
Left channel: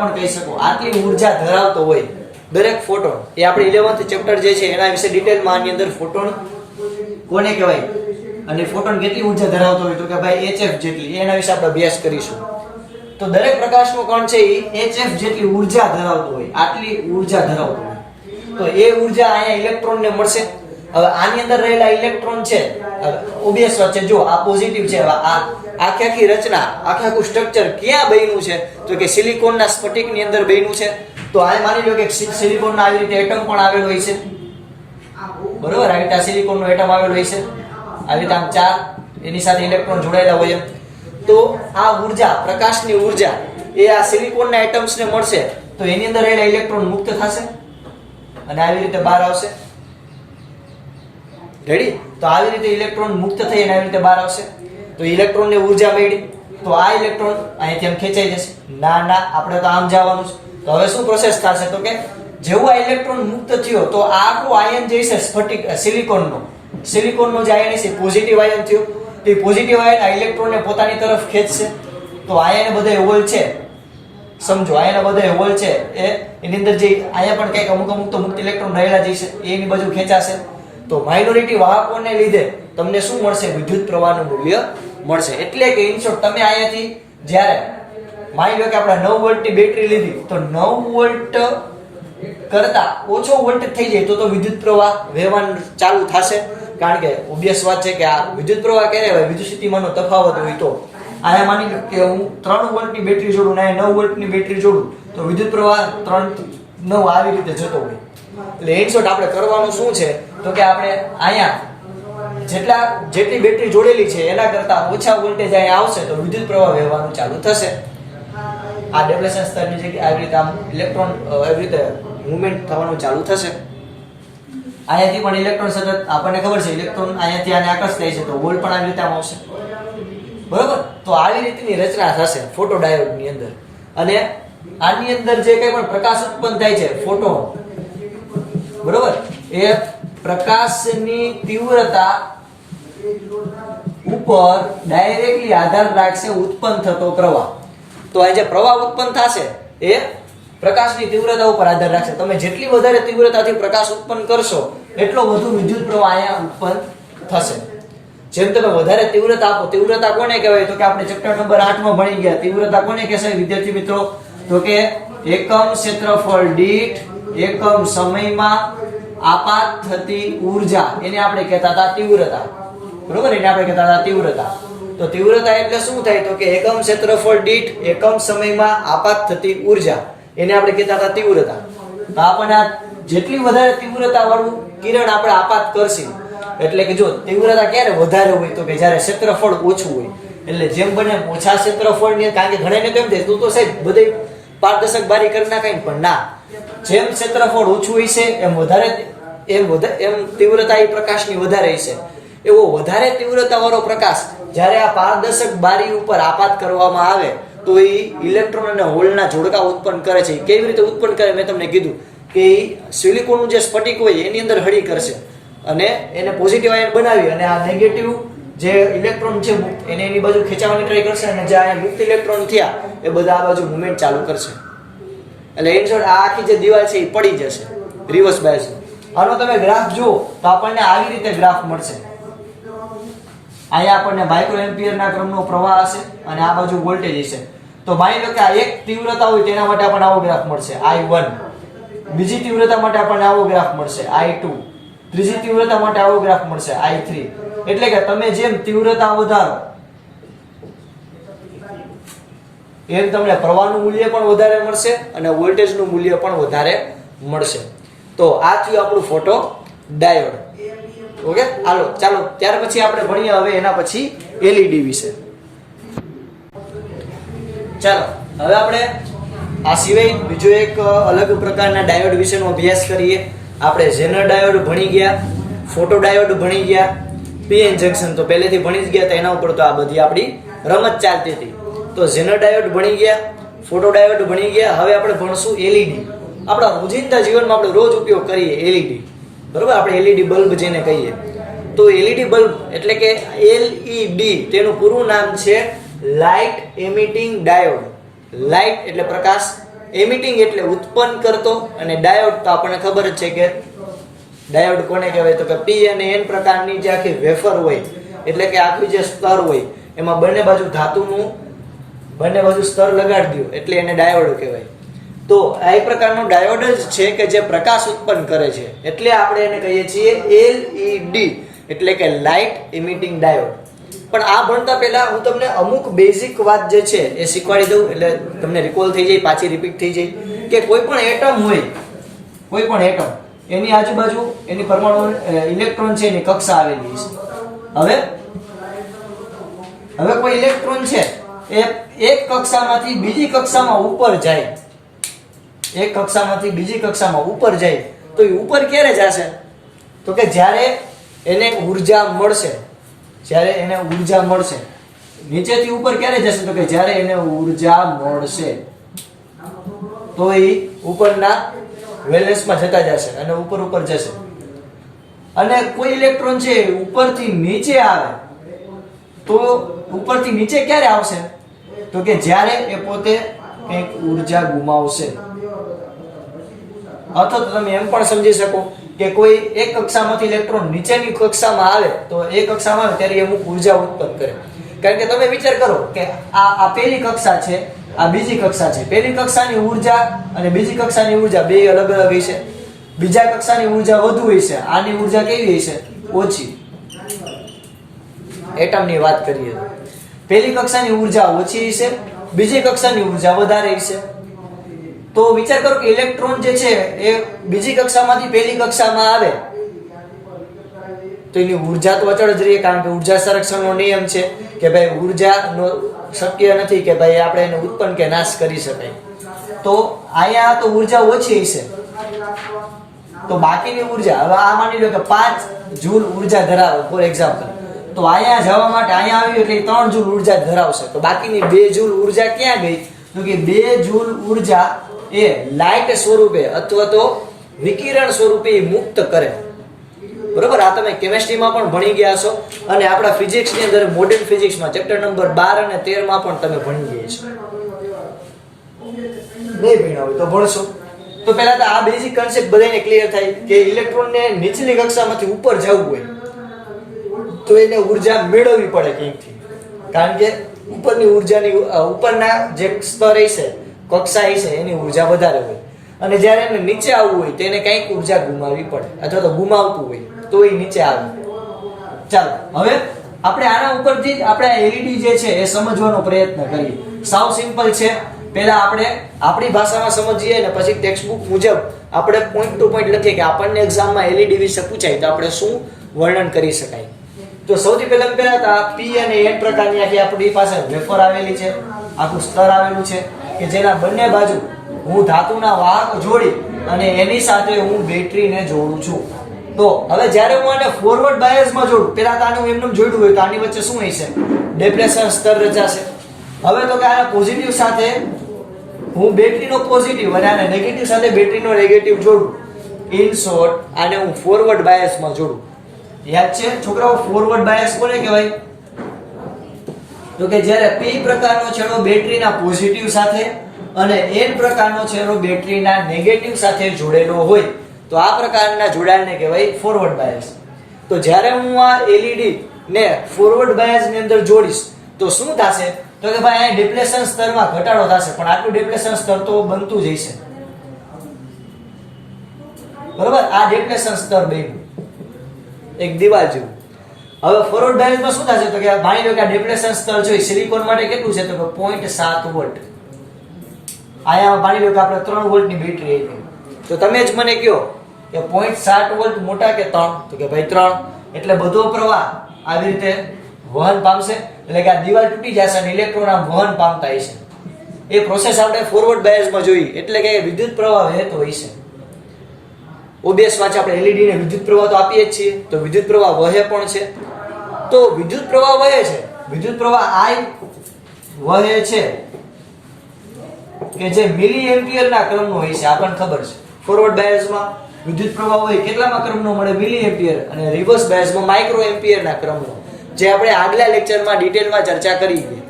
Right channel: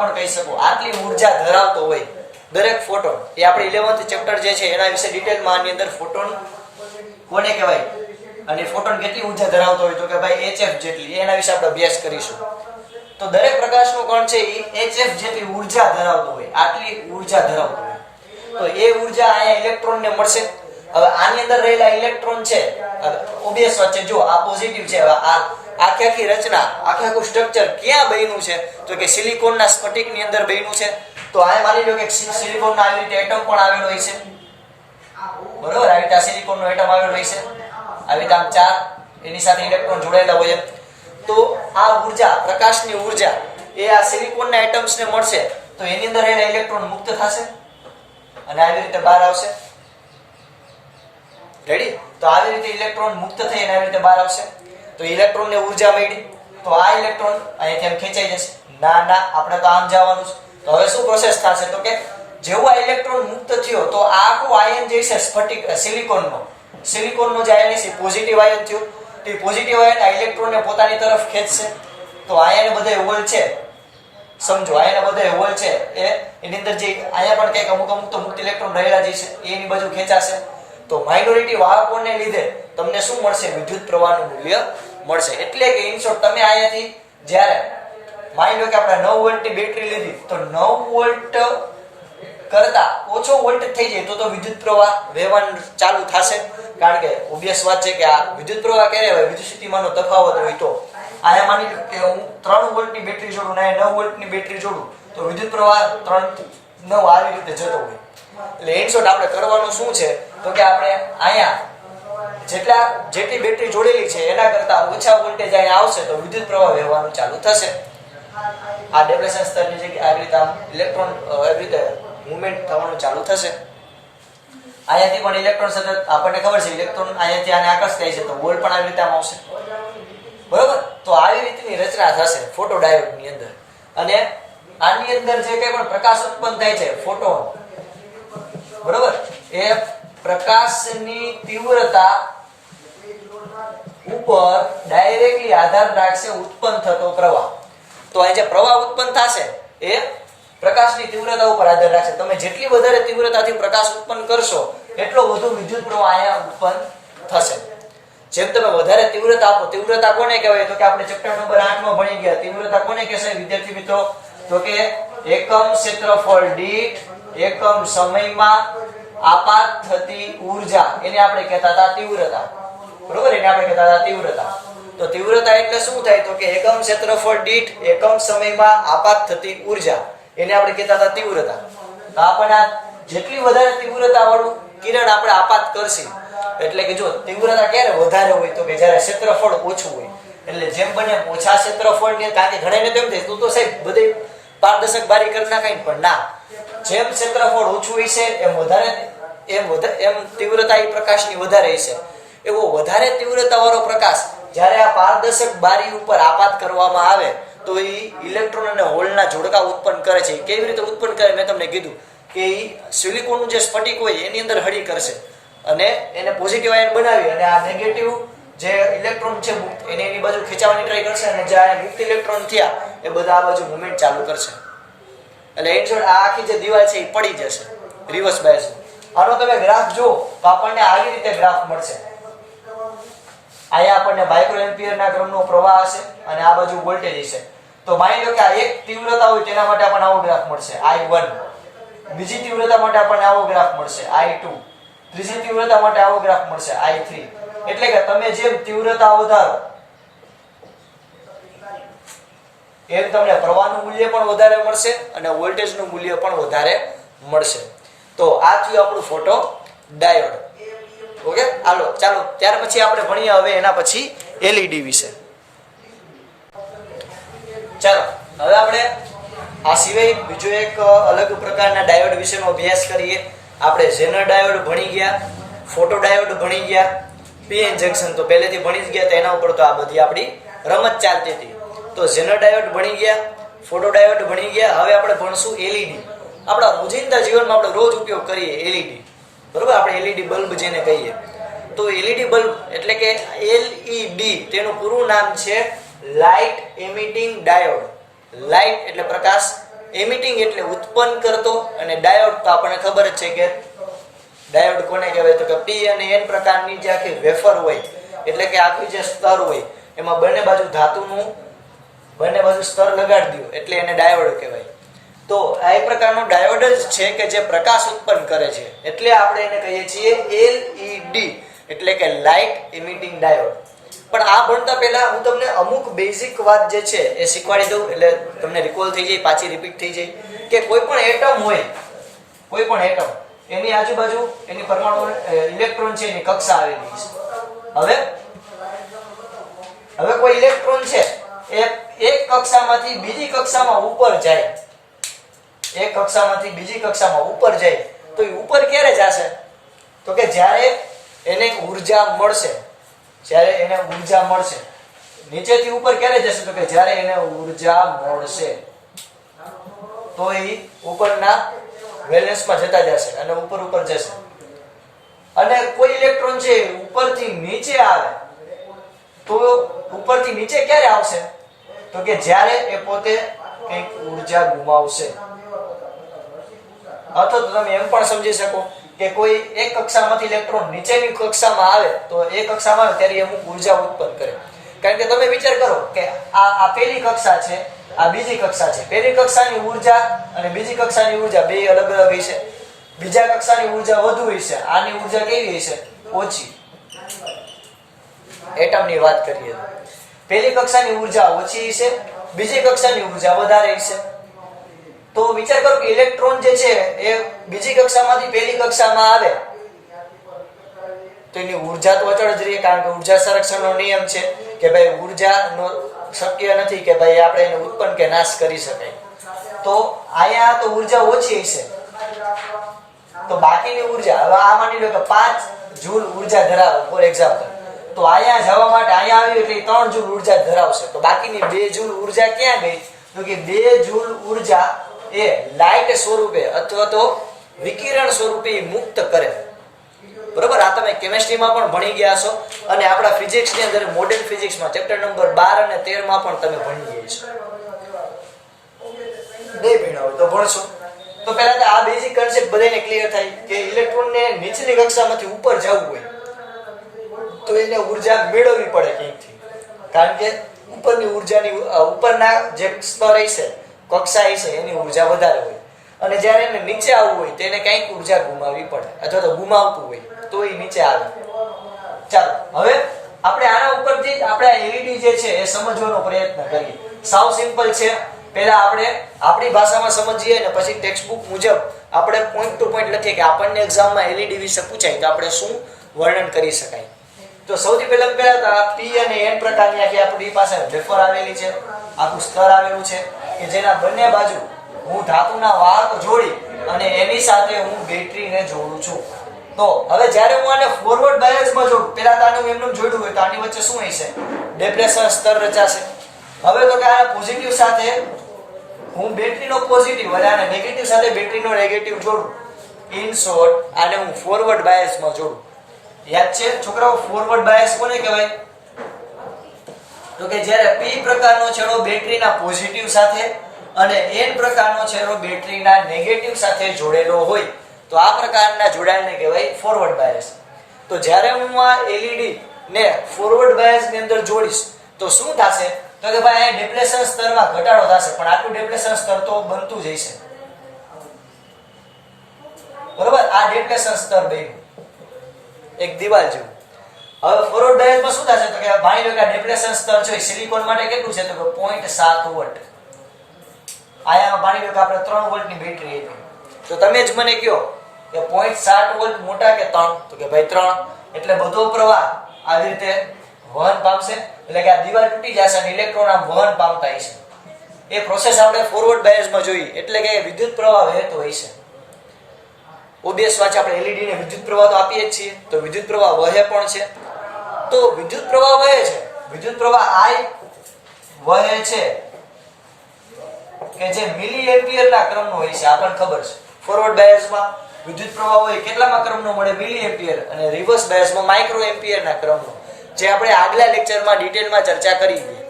પણ કહી શકો. આટલી ઉર્જા ધરાવતો હોય દરેક ફોટોન. એ આપણે 11th ચેપ્ટર જે છે એના વિશે ડિટેલમાં આની અંદર ફોટોન કોને કહેવાય અને ફોટોન કેટલી ઉર્જા ધરાવતો હોય તો કે ભાઈ hf જેટલી, એના વિશે આપણે અભ્યાસ કરીશું. તો દરેક પ્રકાશનો કણ છે એ hf જેટલી ઉર્જા ધરાવતો હોય, આટલી ઉર્જા ધરાવતો હોય, તો એ ઉર્જા અહીંયા ઇલેક્ટ્રોનને મળશે. હવે આની અંદર રહેલા ઇલેક્ટ્રોન છે, ઓબ્વિયસ વાત છે, જો આ પોઝિટિવ છે, આ આખી રચના આખું સ્ટ્રક્ચર ક્યાં બન્યું છે? તો કે સિલિકોનના સ્ફટિકની અંદર બન્યું છે. તો આ માની લો કે સિલિકોનના આવી રીતે એટમ પણ આવેલો હોય છે, બરોબર? આવી રીતે સિલિકોનનો એટમ આવેલો હોય છે, આવી રીતે આમ 4 એની સાથે ઇલેક્ટ્રોન જોડાયેલા હોય. તો આ ઉર્જા, પ્રકાશની ઉર્જા એ આ સિલિકોનના એટમ્સને મળશે, તો એની અંદર રહેલા ઇલેક્ટ્રોન મુક્ત થશે અને આવી રીતે બહાર આવશે. રેડી? તો આવી રીતે ઇલેક્ટ્રોન મુક્ત થઈ અને આવી રીતે બહાર આવશે. તો ઇલેક્ટ્રોનને ઉર્જા મળી, તો આ ઇલેક્ટ્રોન અહીંથી આમ ખેંચાઈ જશે. ના આપણે તો આમ જવાનું છે. તો હવે શું પ્રોસેસ થશે? તો કે જેવું આ ઇલેક્ટ્રોન મુક્ત થયો તો આ આખું આયન જે છે સ્ફટિક સિલિકોનનો જે આયન છે પોઝિટિવ આયન થયો, તો એ પોઝિટિવ આયન આ ઇલેક્ટ્રોનને પોતાની તરફ ખેંચશે. તો આયન બધા હોલ છે, સમજો આયન બધા હોલ છે, એની અંદર જે આયા પણ કંઈક અમુક તો મુક્ત ઇલેક્ટ્રોન રહેલા જ છે, એની બાજુ ખેંચાશે. તો માઇનોરિટી વાહકોને લીધે તમને શું મળશે? વિદ્યુત પ્રવાહનું મૂલ્ય મળશે. એટલે કે ઇન શોર્ટ તમે અહીંયાથી જ્યારે માની લો કે આપણે 9 વોલ્ટની બેટરી લીધી, તો 9 વોલ્ટ કરતા ઓછો વોલ્ટેજ થઈ જાય તો વિદ્યુત પ્રવાહ વહેવાનું ચાલુ થશે. કારણ કે ઓબ્વિયસ વાત છે કે આ વિદ્યુત પ્રવાહ ક્યારે હોય? વિદ્યુત સ્થિતિમાનનો તફાવત હોય. તો અહીંયા માની લો કે હું 3 વોલ્ટની બેટરી જોડું ને 9 વોલ્ટની બેટરી જોડું, તો વિદ્યુત પ્રવાહ 3 થી 9 આવી રીતે જતો હોય. એટલે ઇન શોર્ટ આપણે કરવાનું શું છે? તો કે આપણે અહીંયા જેટલી બેટરી જોડેલી છે એના કરતા ઓછા વોલ્ટેજ અહીંયા આવશે તો વિદ્યુત પ્રવાહ વહેવાનું ચાલુ થશે. આ ડેપ્લેશન સ્તરની જગ્યાએ આવી રીતે આમ ઇલેક્ટ્રોન આવી રીતે મૂવમેન્ટ થવાનું ચાલુ થશે. અહીંયાથી પણ ઇલેક્ટ્રોન સતત આપણને ખબર છે ઇલેક્ટ્રોન અહીંયાથી આને આકર્ષ થાય છે, તો હોલ પણ આવી રીતે આમ આવશે, બરોબર? તો આવી રીતની રચના થશે ફોટો ડાયોડની અંદર. અને આની અંદર જે કંઈ પણ પ્રકાશ ઉત્પન્ન થાય છે ફોટોન, બરોબર, એ પ્રકાશની તીવ્રતા ઉપર ડાયરેક્ટલી આધાર રાખશે ઉત્પન્ન થતો પ્રવાહ. તો અહીં જે પ્રવાહ ઉત્પન્ન થશે એ પ્રકાશની તીવ્રતા ઉપર આધાર રાખશે. તમે જેટલી વધારે તીવ્રતાથી પ્રકાશ ઉત્પન્ન કરશો એટલો વધુ વિદ્યુત પ્રવાહ અહીંયા ઉત્પન્ન થશે. જેમ તમે વધારે તીવ્રતા આપો, તીવ્રતા કોને કહેવાય? તો કે આપણે ચેપ્ટર નંબર 8 માં ભણી ગયા. તીવ્રતા કોને કહેશે વિદ્યાર્થી મિત્રો? તો કે એકમ ક્ષેત્રફળ દીઠ એકમ સમયમાં આપાત થતી ઉર્જા, એને આપણે કહેતા હતા તીવ્રતા, બરોબર? એને આપણે કહેતા હતા તીવ્રતા. તો તીવ્રતા એટલે શું થાય? તો કે એકમ ક્ષેત્રફળ દીઠ એકમ સમયમાં આપાત થતી ઉર્જા, એને આપણે કહેતા હતા તીવ્રતા. તો આપણને જેટલી વધારે તીવ્રતા વાળું કિરણ આપણે આપાત કરશે, એટલે કે જો તીવ્રતા ક્યારે વધારે હોય? તો કે જ્યારે ક્ષેત્રફળ ઓછું હોય. એટલે જેમ બને ઓછા ક્ષેત્રફળ ને, કારણ કે ઘણાને કેમ થાય તું તો સાહેબ બધે પારદર્શક બારી કરી નાખાય, પણ ના, જેમ ક્ષેત્રફળ ઓછું હોય છે એમ તીવ્રતા એ પ્રકાશની વધારે છે. એવો વધારે તીવ્રતા વાળો પ્રકાશ જ્યારે આ પારદર્શક બારી ઉપર આપાત કરવામાં આવે તો એ ઇલેક્ટ્રોન અને હોલના જોડકા ઉત્પન્ન કરે છે. કેવી રીતે ઉત્પન્ન કરે? મેં તમને કીધું કે એ સિલિકોનનું જે સ્ફટિક હોય એની અંદર હળી કરશે અને એને પોઝિટિવ આયન બનાવી અને આ નેગેટિવ જે ઇલેક્ટ્રોન છે મુક્ત એને એની બાજુ ખેંચાવવાની ટ્રાય કરશે અને જે આ મુક્ત ઇલેક્ટ્રોન થયા એ બધા આ બાજુ મુવમેન્ટ ચાલુ કરશે એટલે એની જોડે આ આખી જે દિવાલ છે એ પડી જશે રિવર્સ બાયસ. આનો તમે ગ્રાફ જુઓ તો આપણને આવી રીતે ગ્રાફ મળશે. અહીંયા આપણને માઇક્રો એમ્પિયરના ક્રમનો પ્રવાહ હશે અને આ બાજુ વોલ્ટેજ હશે. તો માની લો કે આ એક તીવ્રતા હોય તેના માટે આપણને આવો ગ્રાફ મળશે I1, બીજી તીવ્રતા માટે આપણને આવો ગ્રાફ મળશે I2, ત્રીજી તીવ્રતા માટે આવો ગ્રાફ મળશે I3. એટલે કે તમે જેમ તીવ્રતા વધારો એમ તમને પ્રવાહનું મૂલ્ય પણ વધારે મળશે અને વોલ્ટેજનું મૂલ્ય પણ વધારે મળશે. તો આ થયું આપણું ફોટો ડાયોડ. ઓકે, ચાલો ત્યાર પછી આપણે ભણીએ હવે એના પછી LED વિશે. ચાલો હવે આપણે આ સિવાય બીજો એક અલગ પ્રકારના ડાયોડ વિશેનો અભ્યાસ કરીએ. આપણે ઝેનર ડાયોડ ભણી ગયા, ફોટો ડાયોડ ભણી ગયા, PN જંકશન તો પહેલેથી ભણી જ ગયા, તો એના ઉપર તો આ બધી આપણી રમત ચાલતી હતી. તો ઝેનર ડાયોડ ભણી ગયા, ફોટો ડાયોડ ભણી ગયા. હવે આપણે ભણશું LED. આપણા રોજિંદા જીવનમાં આપણે રોજ ઉપયોગ કરીએ LED, બરોબર? આપણે LED બલ્બ જેને કહીએ. તો LED બલ્બ એટલે કે LED તેનું પૂરું નામ છે લાઇટ એમિટિંગ ડાયોડ. લાઇટ એટલે પ્રકાશ, એમિટિંગ એટલે ઉત્પન્ન કરતો, અને ડાયોડ તો આપણને ખબર જ છે કે ડાયોડ કોને કહેવાય, તો કે P અને N પ્રકારની જે આખી વેફર હોય એટલે કે આખી જે સ્તર હોય એમાં બંને બાજુ ધાતુનું બંને બાજુ સ્તર લગાડી દો એટલે એને ડાયોડ કહેવાય. તો આ એક પ્રકારનો ડાયોડ જ છે કે જે પ્રકાશ ઉત્પન્ન કરે છે, એટલે આપણે એને કહીએ છીએ LED એટલે કે લાઇટ એમિટિંગ ડાયોડ. પણ આ ભણતા પહેલા હું તમને અમુક બેઝિક વાત જે છે એ શીખવાડી દઉં એટલે તમને રિકોલ થઈ જાય, પાછી રિપીટ થઈ જાય કે કોઈ પણ એટમ હોય, કોઈ પણ એટમ એની આજુબાજુ એની પરમાણુ ઇલેક્ટ્રોન છે એની કક્ષા આવેલી છે. હવે કોઈ ઇલેક્ટ્રોન છે એ એક કક્ષામાંથી બીજી કક્ષામાં ઉપર જાય, એક કક્ષામાંથી બીજી કક્ષામાં ઉપર જાય તો એ ઉપર ક્યારે જશે? તો કે જ્યારે એને ઊર્જા મળશે. જ્યારે એને ઊર્જા મળશે. નીચેથી ઉપર ક્યારે જશે? તો કે જ્યારે એને ઊર્જા મળશે તો એ ઉપરના વેલેન્સમાં જતા જશે અને ઉપર જશે. અને કોઈ ઇલેક્ટ્રોન છે ઉપરથી નીચે આવે તો ઉપરથી નીચે ક્યારે આવશે? તો કે જ્યારે એ પોતે કંઈક ઊર્જા ગુમાવશે. અથવા તો તમે એમ પણ સમજી શકો કે કોઈ એક કક્ષામાંથી ઇલેક્ટ્રોન નીચેની કક્ષામાં આવે તો એ કક્ષામાં આવે ત્યારે અમુક ઊર્જા ઉત્પન્ન કરે. કારણ કે તમે વિચાર કરો કે આ પહેલી કક્ષા છે, આ બીજી કક્ષા છે. પહેલી કક્ષાની ઊર્જા અને બીજી કક્ષાની ઊર્જા બે અલગ અલગ હશે. બીજા કક્ષાની ઊર્જા વધુ હશે, આની ઊર્જા કેવી હશે? ઓછી. એટમની વાત કરીએ તો પહેલી કક્ષાની ઊર્જા ઓછી હશે, બીજી કક્ષાની ઊર્જા વધારે હશે. તો વિચાર કરો કે ઇલેક્ટ્રોન જે છે એ બીજી કક્ષામાંથી પહેલી કક્ષામાં આવે તો એની ઊર્જા તો અચળ જ રહે, કારણ કે ઊર્જા સંરક્ષણનો નિયમ છે કે ભાઈ ઊર્જાનો શક્ય નથી કે ભાઈ આપણે એને ઉત્પન્ન કે નાશ કરી શકાય. તો અહીંયા તો ઊર્જા ઓછી હશે તો બાકીની ઊર્જા, હવે આ માની લો કે 5 જૂલ ઊર્જા ધરાવે ફોર એક્ઝામ્પલ, તો અહીંયા જવા માટે અહીંયા આવ્યું એટલે 3 જૂલ ઊર્જા ધરાવશે. તો બાકીની 2 જૂલ ઊર્જા ક્યાં ગઈ? તો કે 2 જૂલ ઊર્જા એ લાઇટ સ્વરૂપે અથવા તો વિકિરણ સ્વરૂપે મુક્ત કરે. બરોબર? આ તમે કેમેસ્ટ્રીમાં પણ ભણી ગયા છો અને આપણા ફિઝિક્સની અંદર મોડર્ન ફિઝિક્સમાં ચેપ્ટર નંબર 12 અને 13 માં પણ તમે ભણી ગયા છો. નહીં ભણ્યા હોય તો ભણશો. તો પહેલા તો આ બેઝિક કન્સેપ્ટ બધાને ક્લિયર થાય કે ઇલેક્ટ્રોનને નીચલી કક્ષામાંથી ઉપર જવું હોય તો એને ઊર્જા મેળવવી પડે ક્યાંકથી, કારણ કે ઉપરની ઊર્જાની ઉપરના જે સ્તર હશે, કક્ષા હશે, એની ઊર્જા વધારે હોય અને જ્યારે એને નીચે આવવું હોય તેને કંઈક ઊર્જા ગુમાવવી પડે અથવા તો ગુમાવતું હોય તો એ નીચે આવે. ચાલો હવે આપણે આના ઉપરથી જ આપણે LED જે છે એ સમજવાનો પ્રયત્ન કરીએ. સાવ સિમ્પલ છે. પહેલા આપણે આપણી ભાષામાં સમજીએ અને પછી ટેક્સ્ટબુક મુજબ આપણે પોઈન્ટ ટુ પોઈન્ટ લખીએ કે આપણને એક્ઝામમાં LED વિશે પૂછાય તો આપણે શું વર્ણન કરી શકાય. તો સૌથી પહેલા તો આ P અને N પ્રકારની આખી આપણી પાસે વેફર આવેલી છે, આખું સ્તર આવેલું છે કે જેના બંને બાજુ હું ધાતુના વાહક જોડી અને એની સાથે હું બેટરીને જોડું છું. તો હવે જ્યારે હું આને ફોરવર્ડ બાયસમાં જોડું, પહેલા તો આને હું એમનેમ જોડ્યું હોય તો આની વચ્ચે શું હશે? ડેપ્લેશન સ્તર રચાશે. હવે તો કે આ પોઝિટિવ સાથે હું બેટરીનો પોઝિટિવ અને આને નેગેટિવ સાથે બેટરીનો નેગેટિવ જોડું, ઇન શોર્ટ આને હું ફોરવર્ડ બાયસમાં જોડું. યાદ છે છોકરાઓ, ફોરવર્ડ બાયસ કોને કહેવાય? તો કે જ્યારે p પ્રકારનો છેડો બેટરીના પોઝિટિવ સાથે અને n પ્રકારનો છેડો બેટરીના નેગેટિવ સાથે જોડેલો હોય તો આ પ્રકારના જોડાણને કહેવાય ફોરવર્ડ બાયસ. તો જ્યારે હું આ LED ને ફોરવર્ડ બાયસ ની અંદર જોડીશ તો શું થશે? તો કે ભાઈ આ ડિપ્લેશન સ્તરમાં ઘટાડો થશે, પણ આટલું ડિપ્લેશન સ્તર તો બનતું જ હશે. બરોબર, આ ડિપ્લેશન સ્તર બન્યું એક દિવાલ જેવું. હવે ફોરવર્ડ બાયસમાં શું થશે? તો કે માની લો કે આ ડિપ્લેશન સ્તર છે સિલિકોન માટે કેટલું છે? તો કે 0.7 વોલ્ટ. આયા માની લો કે આપણે 3 વોલ્ટની બેટરી આપી, તો તમે જ મને કહો કે 0.7 વોલ્ટ મોટા કે 3? તો કે ભાઈ 3. એટલે બધો પ્રવાહ આવી રીતે વહન પામશે, એટલે કે આ દિવાલ તૂટી જશે અને ઇલેક્ટ્રોન આમ વહન પામતા હશે. એ પ્રોસેસ આપણે ફોરવર્ડ બાયસમાં જોઈ, એટલે કે વિદ્યુત પ્રવાહ વહેતો હશે. ઓબિયસ વાત છે, આપણે LED ને વિદ્યુત પ્રવાહ તો આપીએ જ છીએ, તો વિદ્યુત પ્રવાહ વહે પણ છે. તો વિદ્યુત પ્રવાહ વહે છે, વિદ્યુત પ્રવાહ I વહે છે કે જે મિલી એમ્પિયરના ક્રમનો હોય છે. આપણને ખબર છે ફોરવર્ડ બાયસમાં વિદ્યુત પ્રવાહ હોય કેટલામાં ક્રમનો મળે? મિલી એમ્પિયર. અને રિવર્સ બાયસમાં માઇક્રો એમ્પિયરના ક્રમનો, જે આપણે આગલા લેક્ચરમાં ડિટેલમાં ચર્ચા કરી હતી.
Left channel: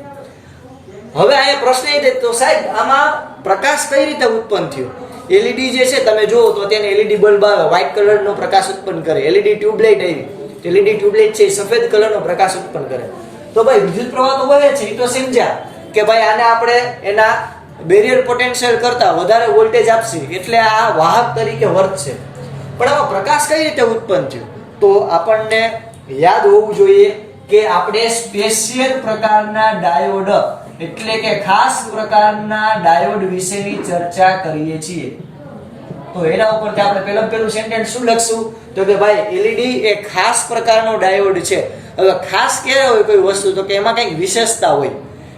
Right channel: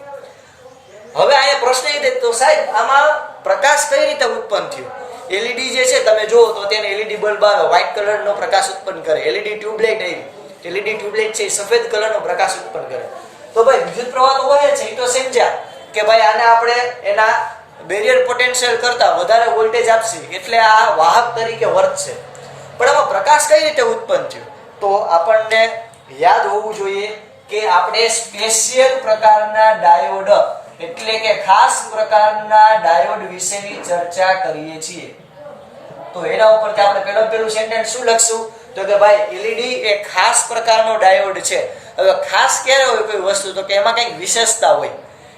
હવે અહીંયા પ્રશ્ન એ તો સાહેબ આમાં પ્રકાશ કઈ રીતે ઉત્પન્ન થયો? LED જે છે તમે જુઓ તો તેને LED બલ્બ આવે, વ્હાઇટ કલરનો પ્રકાશ ઉત્પન્ન કરે. LED ટ્યુબલાઇટ આવી, LED ટ્યુબલાઇટ છે સફેદ કલરનો પ્રકાશ ઉત્પન્ન કરે. તો ભાઈ વિદ્યુત પ્રવાહ તો વહે છે, એ તો સમજ્યા કે ભાઈ આને આપણે એના બેરિયર પોટેન્શિયલ કરતા વધારે વોલ્ટેજ આપશે એટલે આ વાહક તરીકે વર્તશે. પણ આમાં પ્રકાશ કઈ રીતે ઉત્પન્ન થયો? તો આપણને યાદ હોવું જોઈએ કે આપણે સ્પેશિયલ પ્રકારના ડાયોડ એટલે કે ખાસ પ્રકારના ડાયોડ વિશેની ચર્ચા કરીએ છીએ. તો એના ઉપરથી આપણે પહેલું સેન્ટેન્સ શું લખશું? તો કે ભાઈ LED એ ખાસ પ્રકારનો ડાયોડ છે. હવે ખાસ ક્યારે હોય કોઈ વસ્તુ? તો કે એમાં કંઈક વિશેષતા હોય,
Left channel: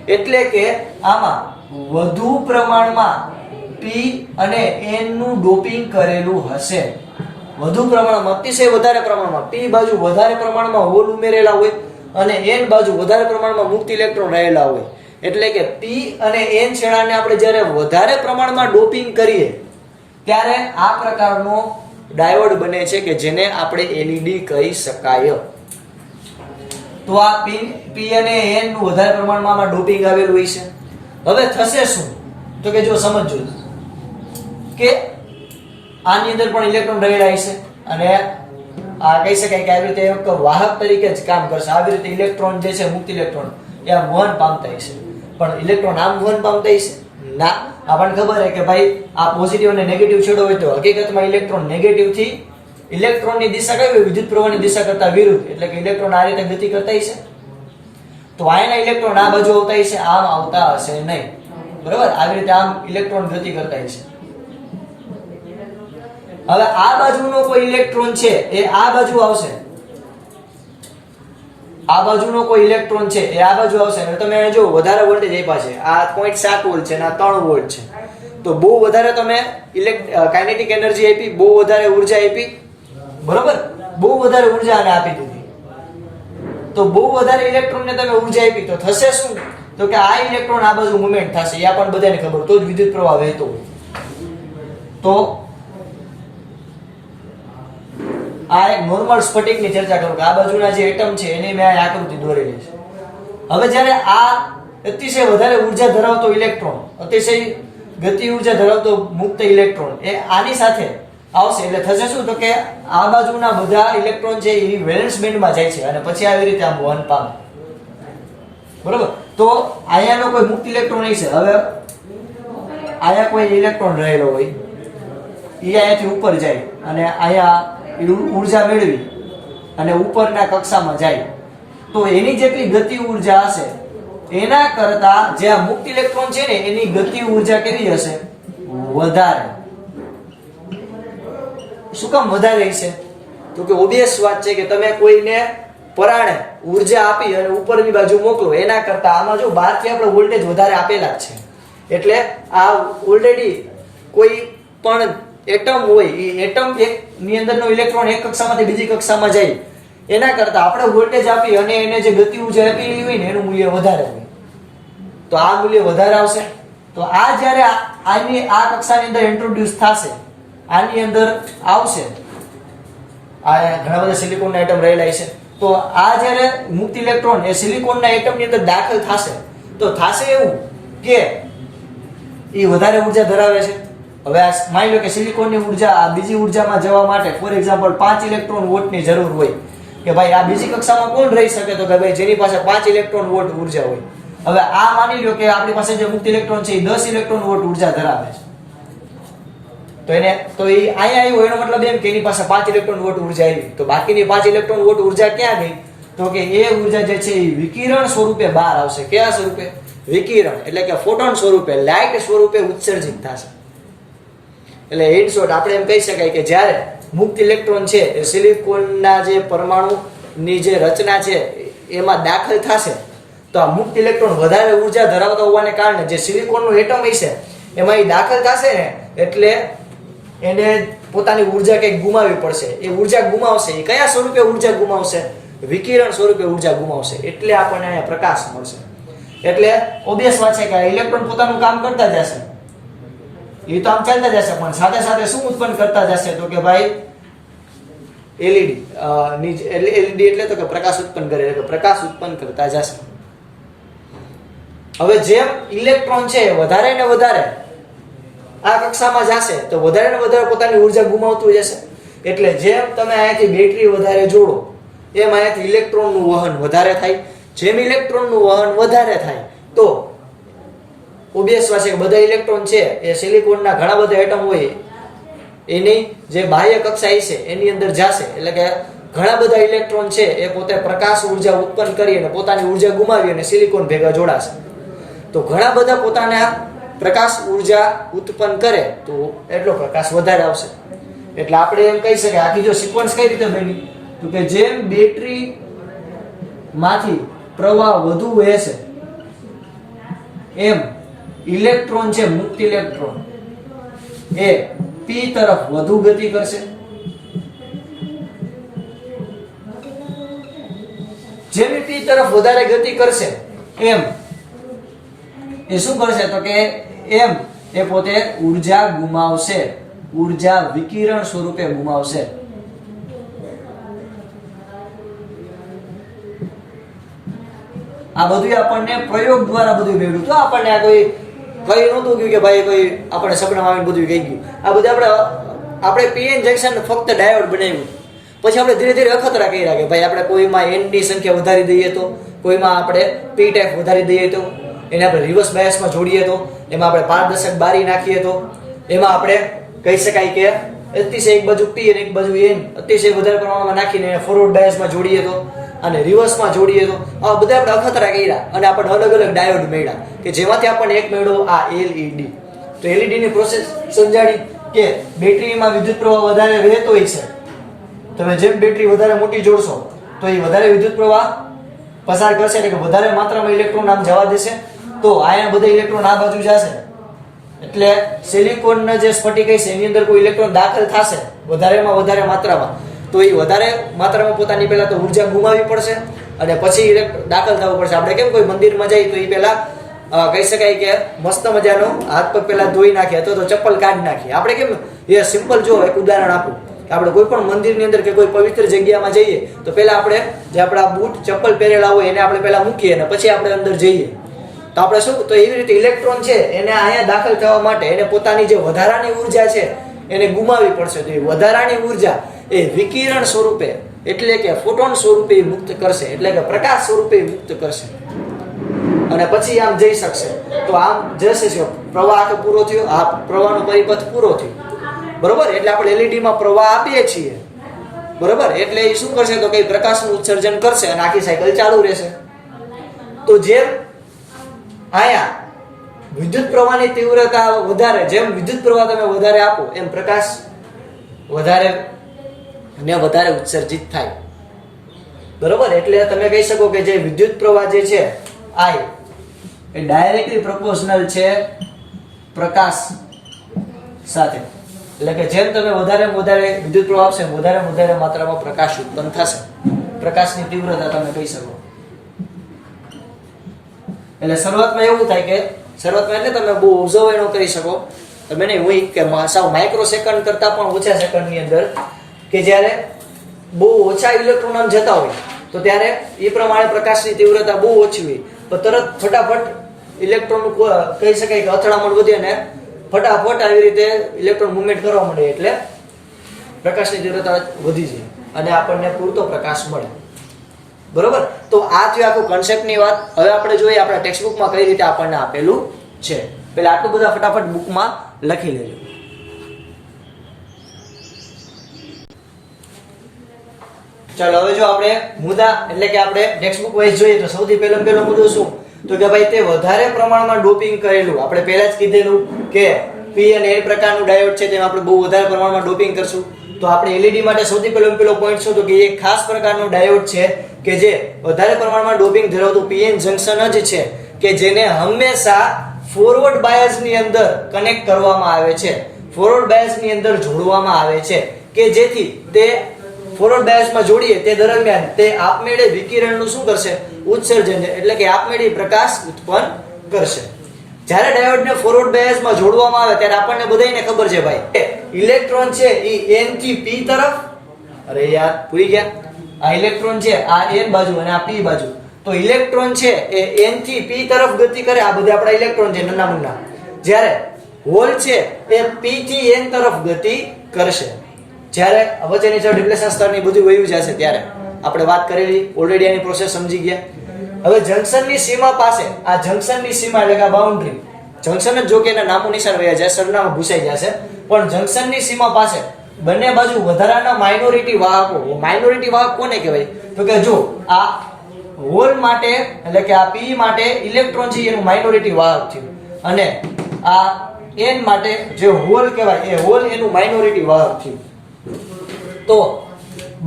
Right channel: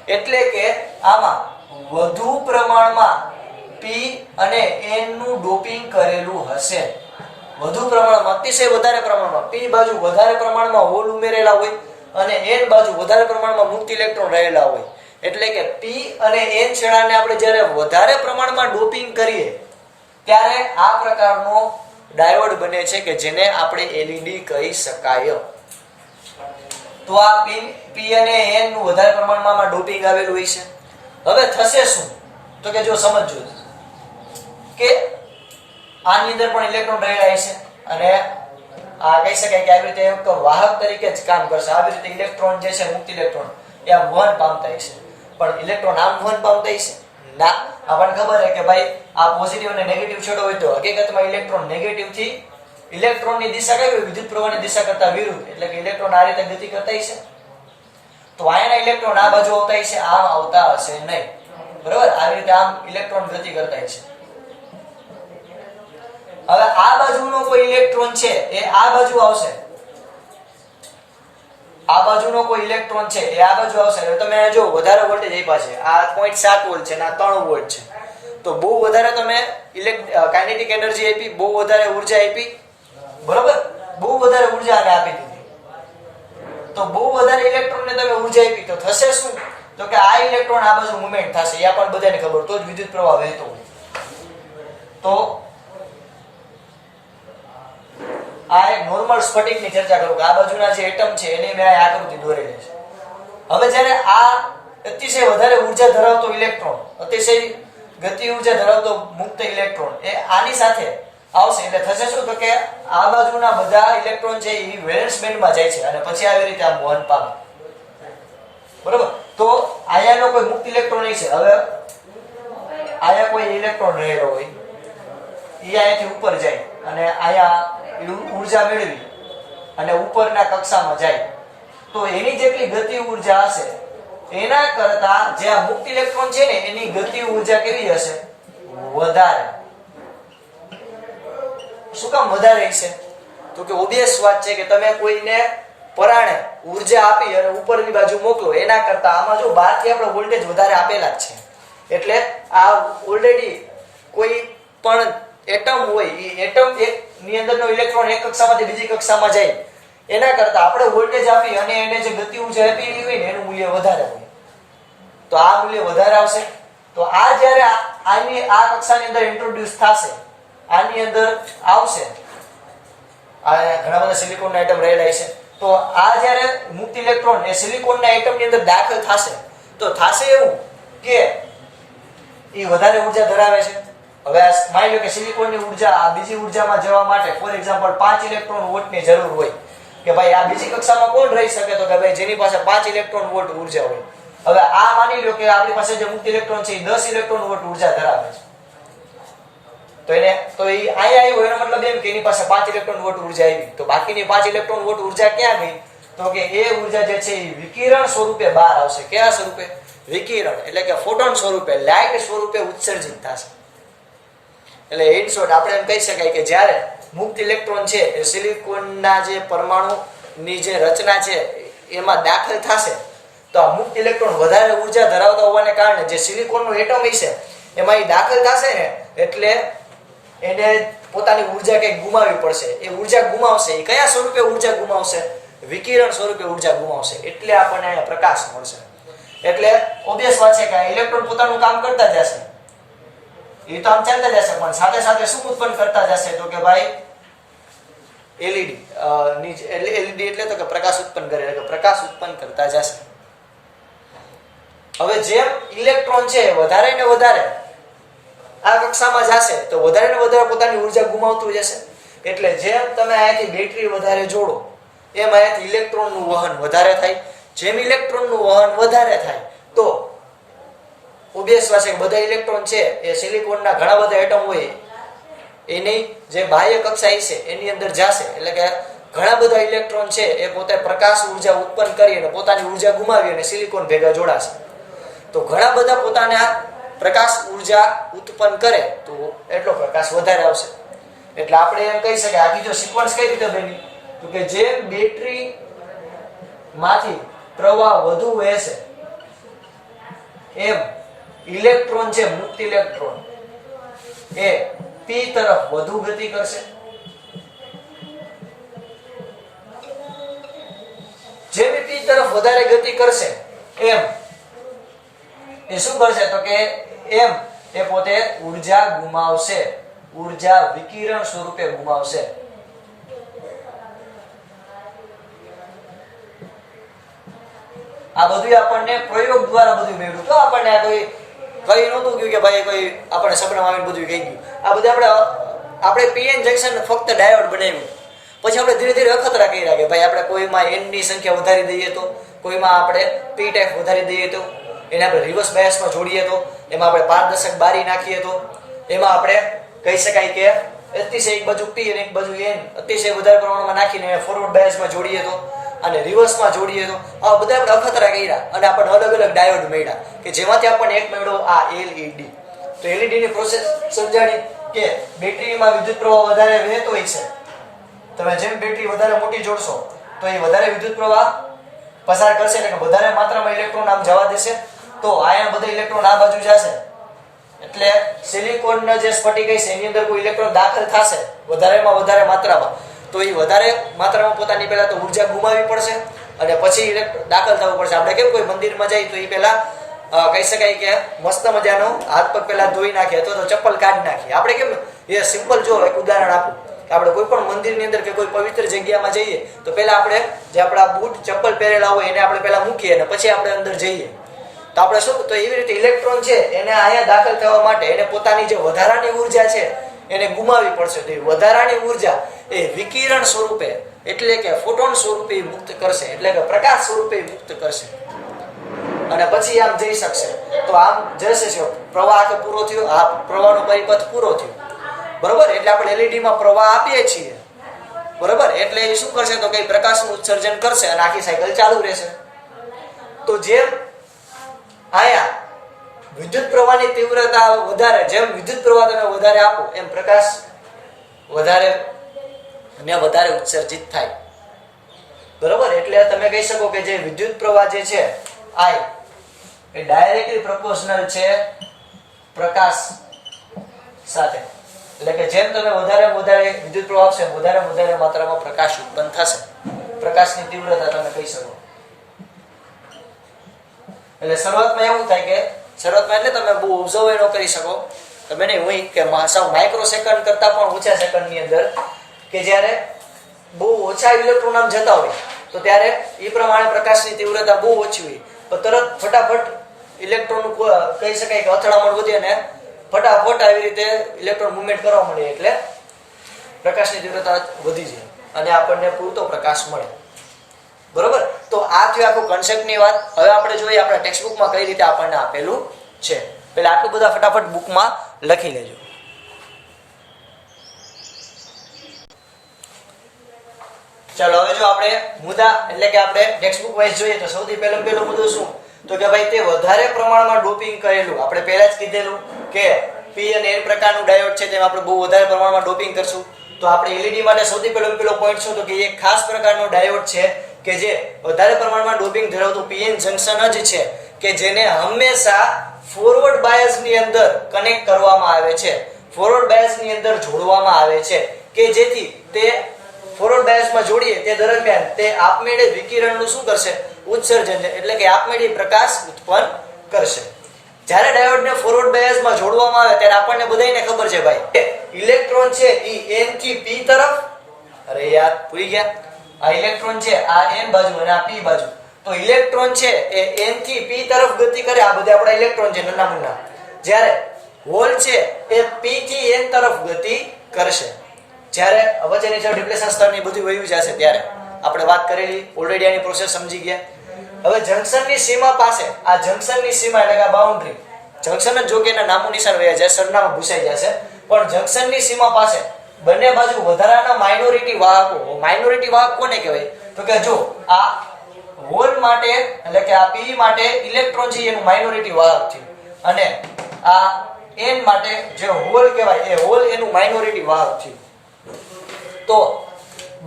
એટલે કે આમાં વધુ પ્રમાણમાં P અને N નું ડોપિંગ કરેલું હશે. વધુ પ્રમાણમાં, અતિશય વધારે પ્રમાણમાં P બાજુ વધારે પ્રમાણમાં હોલ ઉમેરેલા હોય અને N બાજુ વધારે પ્રમાણમાં મુક્ત ઇલેક્ટ્રોન રહેલા હોય. એટલે કે P અને N છેડાને આપણે જ્યારે વધારે પ્રમાણમાં ડોપિંગ કરીએ ત્યારે આ પ્રકારનો ડાયોડ બને છે કે જેને આપણે LED કહી શકાય. તો આ P અને N નું વધારે પ્રમાણમાં ડોપિંગ આવેલું હોય છે. હવે થશે શું? તો કે જો સમજો કે આની અંદર પણ ઇલેક્ટ્રોન રહેલા છે અને આ કહી શકાય કે આવી રીતે એક વાહક તરીકે જ કામ કરશે. આવી રીતે ઇલેક્ટ્રોન જે છે મુક્ત ઇલેક્ટ્રોન એ આમ વહન પામતા હશે, પણ ઇલેક્ટ્રોન આમ વહન પામતા હશે ના. આપણને ખબર છે કે ભાઈ આ પોઝિટિવ અને નેગેટિવ છેડો હોય તો હકીકતમાં ઇલેક્ટ્રોન નેગેટિવ થી ઇલેક્ટ્રોનની દિશા કઈ હોય? વિદ્યુત પ્રવાહની દિશા કરતા વિરુદ્ધ, એટલે કે ઇલેક્ટ્રોન આ રીતે ગતિ કરતા હશે. તો આના ઇલેક્ટ્રોન આ બાજુ આવતા હશે, આમ આવતા હશે નહીં. બરાબર, આવી રીતે આમ ઇલેક્ટ્રોન ગતિ કરતા હશે. હવે આ બાજુનો કોઈ ઇલેક્ટ્રોન છે એ આ બાજુ આવશે, આ બાજુનો કોઈ ઇલેક્ટ્રોન છે એ આ બાજુ આવશે. હવે તમે જો વધારે વોલ્ટેજ આપ્યા છે, આ 0.7 વોલ્ટ છે અને આ 3 વોલ્ટ છે, તો બહુ વધારે તમે કાઇનેટિક એનર્જી આપી, બહુ વધારે ઉર્જા આપી. બરોબર, બહુ વધારે ઉર્જા આને આપી દીધી, તો બહુ વધારે ઇલેક્ટ્રોનને તમે ઉર્જા આપી તો થશે શું? તો કે આ ઇલેક્ટ્રોન આ બાજુ મુવમેન્ટ થશે. એ પણ બધાને ખબર, તો જ વિદ્યુત પ્રવાહ વહેતો હોય. તો આ એક નોર્મલ સ્ફટિકની ચર્ચા કરું કે આ બાજુના જે એટમ છે એને મેં આ આકૃતિ દોરેલી છે. હવે જ્યારે આ અતિશય વધારે ઉર્જા ધરાવતો ઇલેક્ટ્રોન, અતિશય ગતિ ઉર્જા ધરાવતો મુક્ત ઇલેક્ટ્રોન એ આની સાથે આવશે એટલે થશે શું? તો કે આ બાજુના બધા ઇલેક્ટ્રોન છે એ વેલેન્સ બેન્ડમાં જાય છે અને પછી આવી રીતે આમ વહન પામે. બરોબર, તો અહીંયાનો કોઈ મુક્ત ઇલેક્ટ્રોન નહીં છે. હવે અહીંયા કોઈ ઇલેક્ટ્રોન રહેલો હોય, એ અહીંયાથી ઉપર જાય અને અહીંયા ઉર્જા મેળવી અને ઉપરના કક્ષામાં જાય, તો એની જેટલી ગતિ ઉર્જા હશે એના કરતા જે આ મુક્ત ઇલેક્ટ્રોન છે ને એની ગતિ ઉર્જા કેવી હશે? વધારે. શું કામ વધારે હશે? તો કે ઓબિયસ વાત છે કે તમે કોઈને પરાણે ઉર્જા આપી અને ઉપરની બાજુ મોકલો એના કરતા આમાં જો બહારથી આપણે વોલ્ટેજ વધારે આપેલા જ છે, એટલે આ ઓલરેડી કોઈ પણ એટમ હોય એ એટમ ની અંદરનો ઇલેક્ટ્રોન એક કક્ષામાંથી બીજી કક્ષામાં જાય એના કરતા આપણે વોલ્ટેજ આપી અને એને જે ગતિ ઉર્જા આપી હોય ને એનું મૂલ્ય વધારે હોય, તો આ મૂલ્ય વધારે આવશે. તો આ જ્યારે આની આ કક્ષાની અંદર ઇન્ટ્રોડ્યુસ થશે, આની અંદર આવશે, આ ઘણા બધા સિલિકોનના એટમ રહેલા છે, તો આ જ્યારે મુક્ત ઇલેક્ટ્રોન એ સિલિકોનના એટમની અંદર દાખલ થશે તો થશે એવું કે એ વધારે ઉર્જા ધરાવે છે. હવે આ માની લો કે સિલિકોનની ઉર્જા આ બીજી ઉર્જામાં જવા માટે ફોર એક્ઝામ્પલ 5 ઇલેક્ટ્રોન વોલ્ટની જરૂર હોય કે ભાઈ આ બીજી કક્ષામાં કોણ રહી શકે, તો કે ભાઈ જેની પાસે 5 ઇલેક્ટ્રોન વોલ્ટ ઉર્જા હોય. હવે આ માની લો કે આપણી પાસે જે મુક્ત ઇલેક્ટ્રોન છે એ 10 ઇલેક્ટ્રોન વોલ્ટ ઉર્જા ધરાવે છે, તો એ અહીંયા આવ્યો એનો મતલબ એમ કે એની પાસે 5 ઇલેક્ટ્રોન વોલ્ટ ઉર્જા આવી. તો બાકીની 5 ઇલેક્ટ્રોન વોલ્ટ ઉર્જા ક્યાં ગઈ, તો કે એ ઉર્જા જે છે એ વિકિરણ સ્વરૂપે બહાર આવશે. કયા સ્વરૂપે? વિકિરણ, એટલે કે ફોટોન સ્વરૂપે, લાઇટ સ્વરૂપે ઉત્સર્જિત થશે. એટલે ઇન શોર્ટ આપણે એમ કહી શકાય કે જ્યારે મુક્ત ઇલેક્ટ્રોન છે એ સિલિકોનના જે પરમાણુની જે રચના છે એમાં દાખલ થશે તો આ મુક્ત ઇલેક્ટ્રોન વધારે ઉર્જા ધરાવતા હોવાને કારણે જે સિલિકોનનું એટમ છે એમાં એ દાખલ થશે ને એટલે એને પોતાની ઉર્જા કંઈક ગુમાવવી પડશે. એ ઉર્જા ગુમાવશે, એ કયા સ્વરૂપે ઉર્જા ગુમાવશે? વિકિરણ સ્વરૂપે ઉર્જા ગુમાવશે. એટલે આપણને અહીંયા પ્રકાશ મળશે. એટલે ઓબ્વિયસ વાત છે કે ઇલેક્ટ્રોન પોતાનું કામ કરતા જશે, એ તો આમ ચાલતા જશે, પણ સાથે સાથે શું ઉત્પન્ન કરતા જશે, તો કે ભાઈ એલઈડી એટલે તો કે પ્રકાશ ઉત્પન્ન કરે, એટલે પ્રકાશ ઉત્પન્ન કરતા જશે. હવે જેમ ઇલેક્ટ્રોન છે વધારે ને વધારે આ કક્ષામાં જશે તો વધારે ને વધારે પોતાની ઉર્જા ગુમાવતું જશે. એટલે જેમ તમે અહીંયાથી બેટરી વધારે જોડો એમ અહીંયાથી ઇલેક્ટ્રોનનું વહન વધારે થાય. જેમ ઇલેક્ટ્રોનનું વહન વધારે થાય તો ઓબ્વિયસ વાત છે કે બધા ઇલેક્ટ્રોન છે એ સિલિકોનના ઘણા બધા એટમ હોય એની જે બાહ્ય કક્ષા છે એની અંદર જશે. એટલે કે ઘણા બધા ઇલેક્ટ્રોન છે એ પોતે પ્રકાશ ઉર્જા ઉત્પન્ન કરી અને પોતાની ઉર્જા ગુમાવી અને સિલિકોન ભેગા જોડાશે. તો ઘણા બધા પોતાના પ્રકાશ ઉર્જા ઉત્પન્ન કરે તો એટલો પ્રકાશ વધારે આવશે. એટલે આપણે એમ કહી શકાય આખી જો સિક્વન્સ કઈ રીતે બની, તો કે જેમ બેટરી માંથી પ્રવાહ વધુ વહેશે એમ ઇલેક્ટ્રોન છે મુક્ત ઇલેક્ટ્રોન એ પી તરફ વધુ ગતિ કરશે. જેમ પી તરફ વધારે ગતિ કરશે એમ એ શું કરશે, તો કે એમ એ પોતે ઉર્જા ગુમાવશે, ઉર્જા વિકિરણ સ્વરૂપે ગુમાવશે. આ બધું આપણને પ્રયોગ દ્વારા બધું મેળવ્યું. તો આપણને આ કોઈ કઈ નહોતું કહ્યું કે ભાઈ કોઈ આપણે સપનામાં આવીને બધું કહી ગયું. આ બધું આપણે પીએન જંકશન ફક્ત ડાયોડ બનાવ્યું, પછી આપણે ધીરે ધીરે અખતરા કર્યા કે ભાઈ આપણે કોઈમાં એન ની સંખ્યા વધારી દઈએ તો, કોઈમાં આપણે પી ટાઈપ વધારી દઈએ તો, એને આપણે રિવર્સ બાયસમાં જોડીએ તો, એમાં આપણે પારદર્શક બારી નાખીએ તો, એમાં આપણે કહી શકાય કે અતિશય એક બાજુ પી અને એક બાજુ એન અતિશય વધારે પ્રમાણમાં નાખીને ફોરવર્ડ બાયસમાં જોડીએ તો અને રિવર્સમાં જોડીએ તો આ બધા આપણે અખતરા કર્યા અને આપણને અલગ અલગ ડાયોડ મળ્યા કે જેમાંથી આપણને એક મળ્યો આ એલઈડી. તો એલઈડી ની પ્રોસેસ સમજાડી કે બેટરીમાં વિદ્યુત પ્રવાહ વધારે વહેતો હોય છે. તમે જેમ બેટરી વધારે મોટી જોડશો તો એ વધારે વિદ્યુત પ્રવાહ પસાર કરશે, એટલે કે વધારે માત્રામાં ઇલેક્ટ્રોન આમ જવા દેશે. તો આયા બધા ઇલેક્ટ્રોન આ બાજુ જશે, એટલે સિલિકોનના જે સ્ફટિક છે એની અંદર કોઈ ઇલેક્ટ્રોન દાખલ થશે વધારેમાં વધારે માત્રામાં, તો એ વધારે માત્રામાં પોતાની પહેલા તો ઉર્જા ગુમાવવી પડશે અને પછી દાખલ થવું પડશે. આપણે કેમ કોઈ મંદિરમાં જઈએ તો એ પહેલા કહી શકાય કે મસ્ત મજાનો હાથ પગ પહેલા ધોઈ નાખીએ અથવા તો ચપ્પલ કાઢી નાખીએ. આપણે કેમ એ સિમ્પલ જો એક ઉદાહરણ આપું કે આપણે કોઈ પણ મંદિરની અંદર કે કોઈ પવિત્ર જગ્યામાં જઈએ તો પહેલા આપણે જે આપણા બૂટ ચપ્પલ પહેરેલા હોય એને આપણે પહેલા મૂકીએ અને પછી આપણે અંદર જઈએ. તો આપણે શું, તો એવી રીતે ઇલેક્ટ્રોન છે એને અહીંયા દાખલ થવા માટે એને પોતાની જે વધારાની ઉર્જા છે એને ગુમાવવી પડશે. તો એ વધારાની ઉર્જા એ વિકિરણ સ્વરૂપે એટલે કે ફોટોન સ્વરૂપે મુક્ત કરશે, એટલે કે પ્રકાશ સ્વરૂપે મુક્ત કરશે અને પછી આમ જઈ શકશે. તો આમ જશે, પ્રવાહ આખો પૂરો થયો, આ પ્રવાહનો પરિપથ પૂરો થયો, બરોબર. એટલે આપણે એલઈડી માં પ્રવાહ આપીએ છીએ, બરોબર. એટલે એ શું કરશે, તો કઈ પ્રકાશનું ઉત્સર્જન કરશે અને આખી સાયકલ ચાલુ રહેશે. તો જેમ આયા વિદ્યુત પ્રવાહની તીવ્રતા વધારે, જેમ વિદ્યુત પ્રવાહ તમે વધારે આપો એમ પ્રકાશ વધારે ને વધારે ઉત્સર્જિત થાય, બરોબર. એટલે તમે કહી શકો કે જે વિદ્યુત પ્રવાહ જે છે આઈ એ ડાયરેક્ટલી પ્રોપોર્શનલ છે પ્રકાશ સાથે. એટલે કે જેમ તમે વધારે વધારે વિદ્યુત પ્રવાહ આપશે વધારે વધારે માત્રામાં પ્રકાશ ઉત્પન્ન થશે. પ્રકાશની તીવ્રતા તમે કહી શકો. એટલે શરૂઆતમાં એવું થાય કે શરૂઆતમાં એટલે તમે બહુ ઓબ્ઝર્વ ન કરી શકો, તમે નહીં હોય કે સાવ માઇક્રો સેકન્ડ કરતાં પણ ઓછા સેકન્ડની અંદર કે જ્યારે બહુ ઓછા ઇલેક્ટ્રોન આમ જતા હોય તો ત્યારે એ પ્રમાણે પ્રકાશની તીવ્રતા બહુ ઓછી હોય, તો તરત ફટાફટ ઇલેક્ટ્રોનનું કહી શકાય કે અથડામણ વધે ને ફટાફટ આવી રીતે ઇલેક્ટ્રોન મુવમેન્ટ કરવા મળે એટલે પ્રકાશની તીવ્રતા વધી જાય અને આપણને પૂરતો પ્રકાશ મળે. બરોબર, તો આ થયું આખું કન્સેપ્ટની વાત. હવે આપણે જોઈએ આપણા ટેક્સ્ટ બુકમાં કઈ રીતે આપણને આપેલું છે. પેલા આટલું બધા ફટાફટ બુકમાં લખી લેજો. ચાલો હવે જો આપણે મુદ્દા એટલે કે આપણે ટેક્સ્ટ બુક વાઇઝ જોઈએ તો સૌથી પહેલો મુદ્દો શું, તો કે ભાઈ તે વધારે પ્રમાણમાં ડોપિંગ કરેલું, આપણે પહેલા જ કીધેલું કે પી અને એ પ્રકારનું ડાયોડ છે તેમાં આપણે બહુ વધારે પ્રમાણમાં ડોપિંગ કરશું. તો આપણે એલઈડી માટે સૌથી પહેલો પોઈન્ટ શું, તો કે એક ખાસ પ્રકારનો ડાયોડ છે કે જે વધારે પ્રમાણમાં ડોપિંગ ધરાવતું પીએન જંકશન જ છે કે જેને હંમેશા ફોરવર્ડ બાયસ ની અંદર કનેક્ટ કરવામાં આવે છે, ફોરવર્ડ બાયસ ની અંદર જોડવામાં આવે છે કે જેથી તે ફોરવર્ડ બાયસમાં જોડીએ તે દરમિયાન તે આપમેળે વિકિરણનું શું કરશે, ઉત્સર્જન, એટલે કે આપમેળે પ્રકાશ ઉત્પન્ન કરશે. જ્યારે ડાયોડને ફોરવર્ડ બાયસમાં જોડવામાં આવે ત્યારે આપણને બધાને ખબર છે ભાઈ ઇલેક્ટ્રોન છે એ n થી p તરફ, અરે યાર ભૂલી ગયા, આ ઇલેક્ટ્રોન છે આ n બાજુ અને આ p બાજુ, તો ઇલેક્ટ્રોન છે એ n થી p તરફ ગતિ કરે. આ બધા આપણા ઇલેક્ટ્રોન છે નાના મુન્ના. જ્યારે હોલ છે એ p થી n તરફ ગતિ કરશે. જ્યારે વચ્ચેની જે ડિપ્લેશન સ્તરની બધું વયું જશે ત્યારે આપણે વાત કરેલી ઓલરેડી આની પ્રોસેસ સમજી ગયા. હવે જંકશનની સીમા પાસે, આ જંકશનની સીમા એટલે કે આ બાઉન્ડ્રી, જંકશન જ જો કે એના નામું નિશાન વયા જાય, સરનામું ભૂસાઈ જશે, પણ જંકશનની સીમા પાસે બંને બાજુ વધારાના માઇનોરિટી વાહકો. માઇનોરિટી વાહક કોને કહેવાય, તો કે જો આ હોલ માટે એટલે કે આ p માટે ઇલેક્ટ્રોન છે એનું માઇનોરિટી વાહક છે અને આ n માટે જે હોલ કહેવાય એ હોલ એનું માઇનોરિટી વાહક છે. તો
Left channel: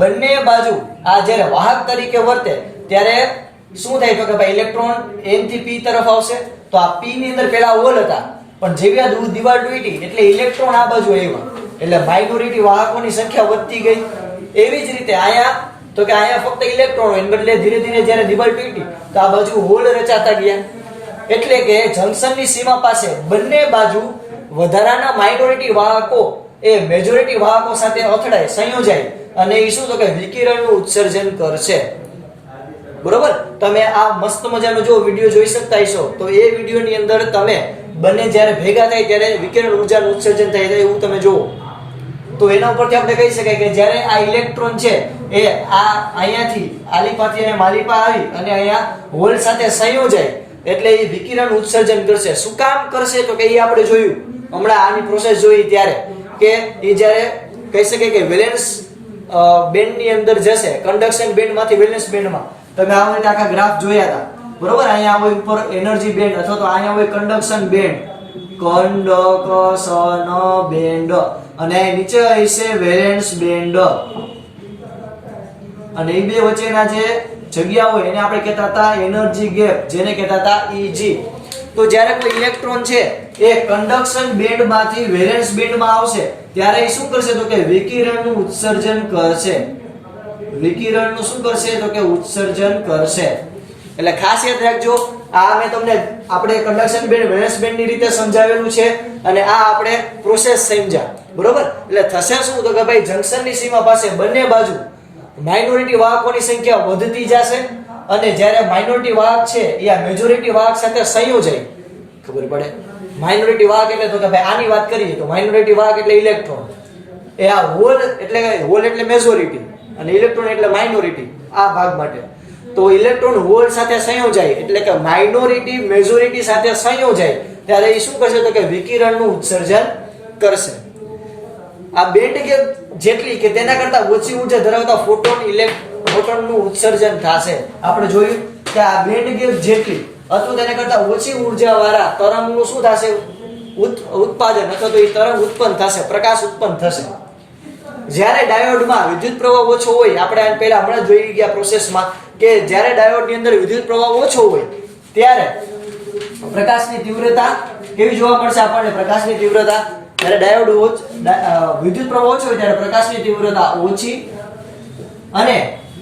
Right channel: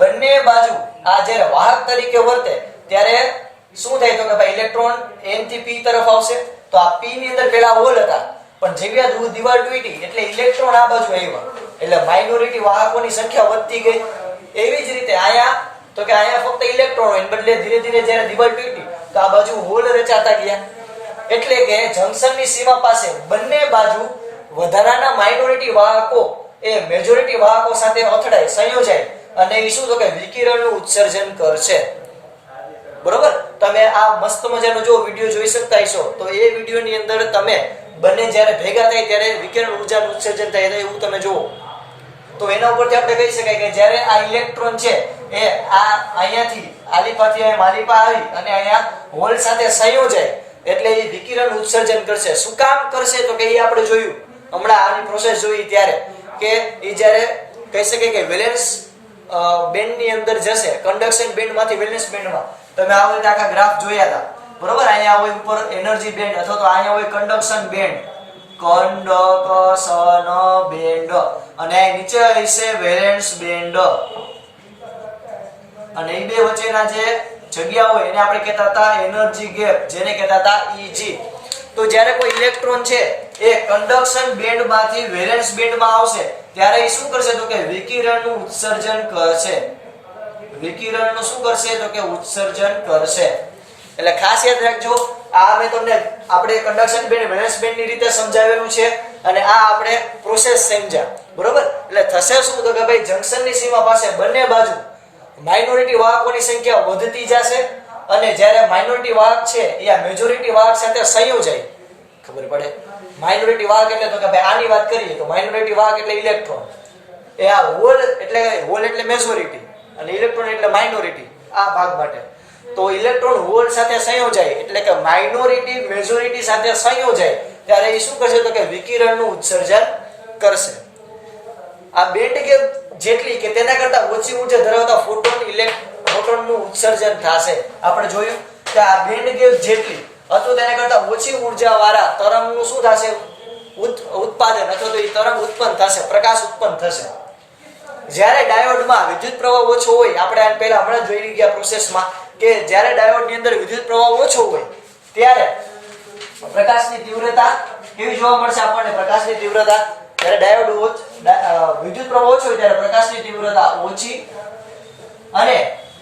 બંને બાજુ આ જ્યારે વાહક તરીકે વર્તે ત્યારે શું થાય, તો કે ભાઈ ઇલેક્ટ્રોન n થી p તરફ આવશે. તો આ p ની અંદર પેલા હોલ હતા પણ જેવી આ દિવાલ તૂટી એટલે ઇલેક્ટ્રોન આ બાજુ આવ્યા એટલે માઇનોરિટી વાહકોની સંખ્યા વધતી ગઈ. એવી જ રીતે અહીંયા તો કે અહીંયા ફક્ત ઇલેક્ટ્રોન હોય બદલે ધીરે ધીરે જ્યારે દિવાલ તૂટી તો આ બાજુ હોલ રચાતા ગયા. એટલે કે જંકશનની સીમા પાસે બંને બાજુ વધારાના માઇનોરિટી વાહકો એ મેજોરિટી વાહકો સાથે અથડાય, સંયોજાય અને એ શું તો કે વિકિરણનું ઉત્સર્જન કરશે. બરોબર, તમે આ મસ્ત મજાનો જો વિડિયો જોઈ શકતા હશો તો એ વિડિયોની અંદર તમે બંને જ્યારે ભેગા થાય ત્યારે વિકિરણ ઉર્જાનું ઉત્સર્જન થાય એવું તમે જુઓ. તો એના ઉપરથી આપણે કહી શકાય કે જ્યારે આ ઇલેક્ટ્રોન છે એ આ અહીંયાથી આલિફાથી અહીં માલિફા આવી અને અહીંયા હોલ સાથે સંયોજાય એટલે એ વિકિરણ ઉત્સર્જન કરશે. શું કામ કરશે તો કે એ આપણે જોયું હમણાં આની પ્રોસેસ જોઈ ત્યારે કે એ જ્યારે કહી શકાય કે વેલેન્સ બેન્ડ ની અંદર જશે, કન્ડક્શન બેન્ડ માંથી વેલેન્સ બેન્ડમાં. તમે આ રીતે આખા ગ્રાફ જોયા હતા, બરોબર. અહીંયા હોય ઉપર એનર્જી બેન્ડ અથવા તો અહીંયા હોય કન્ડક્શન બેન્ડ, કન્ડક્શન બેન્ડ અને નીચે હશે વેલેન્સ બેન્ડ અને એ બે વચ્ચેના જે જગ્યા હોય એને આપણે કહેતા હતા એનર્જી ગેપ, જેને કહેતા હતા Eg. તો જ્યારે કોઈ ઇલેક્ટ્રોન છે એ કન્ડક્શન બેન્ડ માંથી વેલેન્સ બેન્ડમાં આવશે ત્યારે એ શું કરશે તો કે વિકિરણનું ઉત્સર્જન કરશે. વિકિરણનું શું કરશે તો કે ઉત્સર્જન કરશે. એટલે ખાસ યાદ રાખજો, આ મેં તમને આપણે કન્ડક્શન બેન્ડ વેલેન્સ બેન્ડ ની રીતે સમજાવેલું છે અને આ આપણે પ્રોસેસ સમજ્યા, બરોબર. એટલે થશે શું તો કે ભાઈ જંકશનની સીમા પાસે બંને બાજુ માઇનોરિટી વાહકોની સંખ્યા વધતી જશે અને જ્યારે માઇનોરિટી વાહક છે એ આ મેજોરિટી વાહક સાથે સંયોજાય, ખબર પડે. માઇનોરિટી વાહક એટલે તો કે ભાઈ આની વાત કરીએ તો માઇનોરિટી વાહક એટલે ઇલેક્ટ્રોન, એ આ હોલ એટલે મેજોરિટી અને ઇલેક્ટ્રોન એટલે માઇનોરિટી આ ભાગ માટે. તો ઇલેક્ટ્રોન હોલ સાથે સંયોજાય એટલે કે માઇનોરિટી મેજોરિટી સાથે સંયોજાય ત્યારે એ શું કરશે તો કે વિકિરણનું ઉત્સર્જન કરશે. આ બેન્ડ ગેપ જેટલી કે તેના કરતા ઓછી ઉર્જા ધરાવતા ફોટોનનું ઉત્સર્જન થશે. આપણે જોયું કે આ બેન્ડ ગેપ જેટલી અથવા તેના કરતા ઓછી ઉર્જા વાળા તરંગનું શું થશે, ઉત્પાદન અથવા તો એ તરંગ ઉત્પન્ન થશે, પ્રકાશ ઉત્પન્ન થશે. જ્યારે ડાયોડમાં વિદ્યુત પ્રવાહ ઓછો હોય, આપણે પહેલા હમણાં જોઈ ગયા પ્રોસેસમાં કે જ્યારે ડાયોડની અંદર વિદ્યુત પ્રવાહ ઓછો હોય ત્યારે પ્રકાશની તીવ્રતા કેવી જોવા મળશે આપણને. પ્રકાશની તીવ્રતા જ્યારે ડાયોડ વિદ્યુત પ્રવાહ ઓછો હોય ત્યારે પ્રકાશની તીવ્રતા ઓછી અને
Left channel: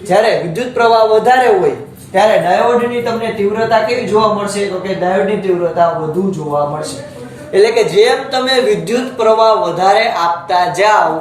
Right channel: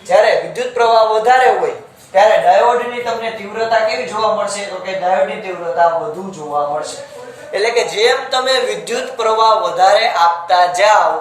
જ્યારે વિદ્યુત પ્રવાહ વધારે હોય ત્યારે ડાયોડની તમને તીવ્રતા કેવી જોવા મળશે? તો કે ડાયોડની તીવ્રતા વધુ જોવા મળશે. એટલે કે જેમ તમે વિદ્યુત પ્રવાહ વધારે આપતા જાઓ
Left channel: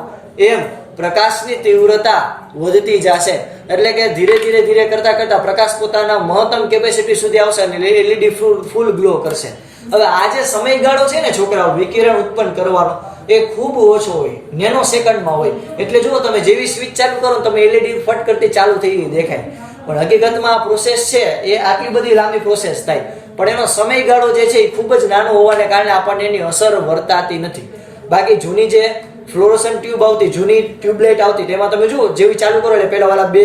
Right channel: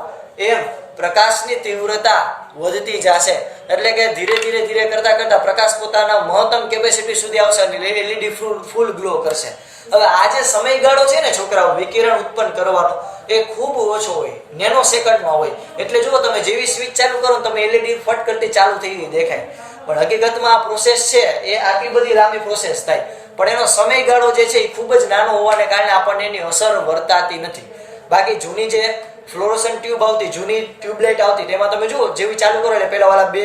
એમ પ્રકાશની તીવ્રતા વધતી જશે. એટલે કે ધીરે ધીરે કરતા કરતા પ્રકાશ પોતાના મહત્તમ કેપેસિટી સુધી આવશે અને એલઈડી ફૂલ ગ્લો કરશે. હવે આ જે સમયગાળો છે ને છોકરાઓ વિકિરણ ઉત્પન્ન કરવાનો એ ખૂબ ઓછો હોય, નેનો સેકન્ડમાં હોય. એટલે જુઓ તમે જેવી સ્વિચ ચાલુ કરો તમે એલઈડી ફટ કરતી ચાલુ થઈ ગઈ દેખાય, પણ હકીકતમાં આ પ્રોસેસ છે એ આટલી બધી લાંબી પ્રોસેસ થાય, પણ એનો સમયગાળો જે છે એ ખૂબ જ નાનો હોવાને કારણે આપણને એની અસર વર્તાતી નથી. બાકી જૂની જે ફ્લોરોસન્ટ ટ્યુબ આવતી, જૂની ટ્યુબલાઇટ આવતી, તેમાં તમે જુઓ જેવી ચાલુ કરો એટલે પેલા વાળા બે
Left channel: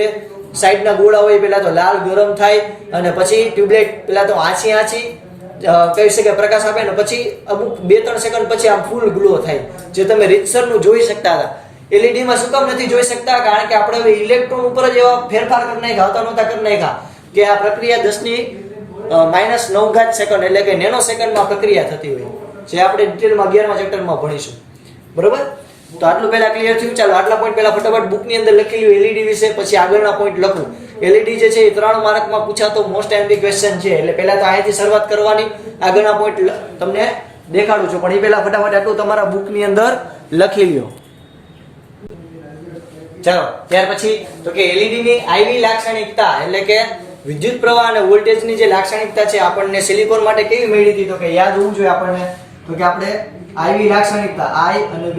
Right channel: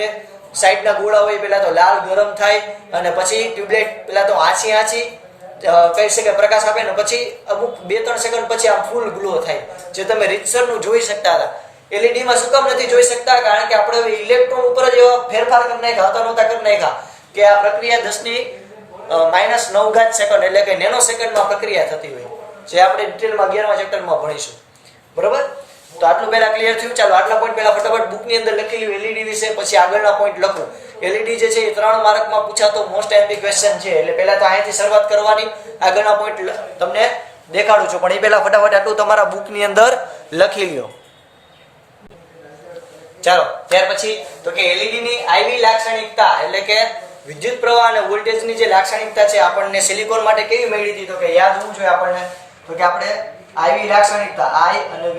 સાઈડના ગોળા હોય પેલા તો લાલ ગરમ થાય અને પછી ટ્યુબલાઇટ પેલા તો આછી કહી શકાય પ્રકાશ આપે ને પછી અમુક 2-3 સેકન્ડ પછી આમ ફૂલ ગ્લો થાય, જે તમે રીતસરનું જોઈ શકતા હતા. એલઈડી માં શું કામ નથી જોઈ શકતા? કારણ કે આપણે હવે ઇલેક્ટ્રોન ઉપર જ એવા ફેરફાર કરી નાખ્યા, હતા નહોતા કરી નાખ્યા કે આ પ્રક્રિયા 10⁻⁹ સેકન્ડ એટલે કે નેનો સેકન્ડમાં પ્રક્રિયા થતી હોય, જે આપણે ડિટેલમાં 11મા ચેપ્ટરમાં ભણીશું. બરોબર? તો આટલું પહેલા ક્લિયર થયું. ચાલો આટલા પોઈન્ટ પહેલા ફટાફટ બુકની અંદર લખી લ્યો એલઈડી વિશે, પછી આગળના પોઈન્ટ લખું. એલઈડી જે છે એ 3 માર્કમાં પૂછાતો મોસ્ટ એમપી ક્વેશ્ચન છે, એટલે પહેલા તો અહીંથી શરૂઆત કરવાની, આગળના પોઈન્ટ તમને દેખાડું છું, પણ એ પહેલા ફટાફટ આટલું તમારા બુકની અંદર લખી લ્યો. ચાલો ત્યાર પછી તો કે એલઈડી ની આઈવી લાક્ષણિકતા એટલે કે વિદ્યુત પ્રવાહ અને વોલ્ટેજની જે લાક્ષણિકતા છે આપણને સિલિકોન માટે કેવી મળી હતી? તો કે યાદ હોવું જોઈએ આપણને. તો કે આપણે આઈવી લાક્ષણિકતા I અને V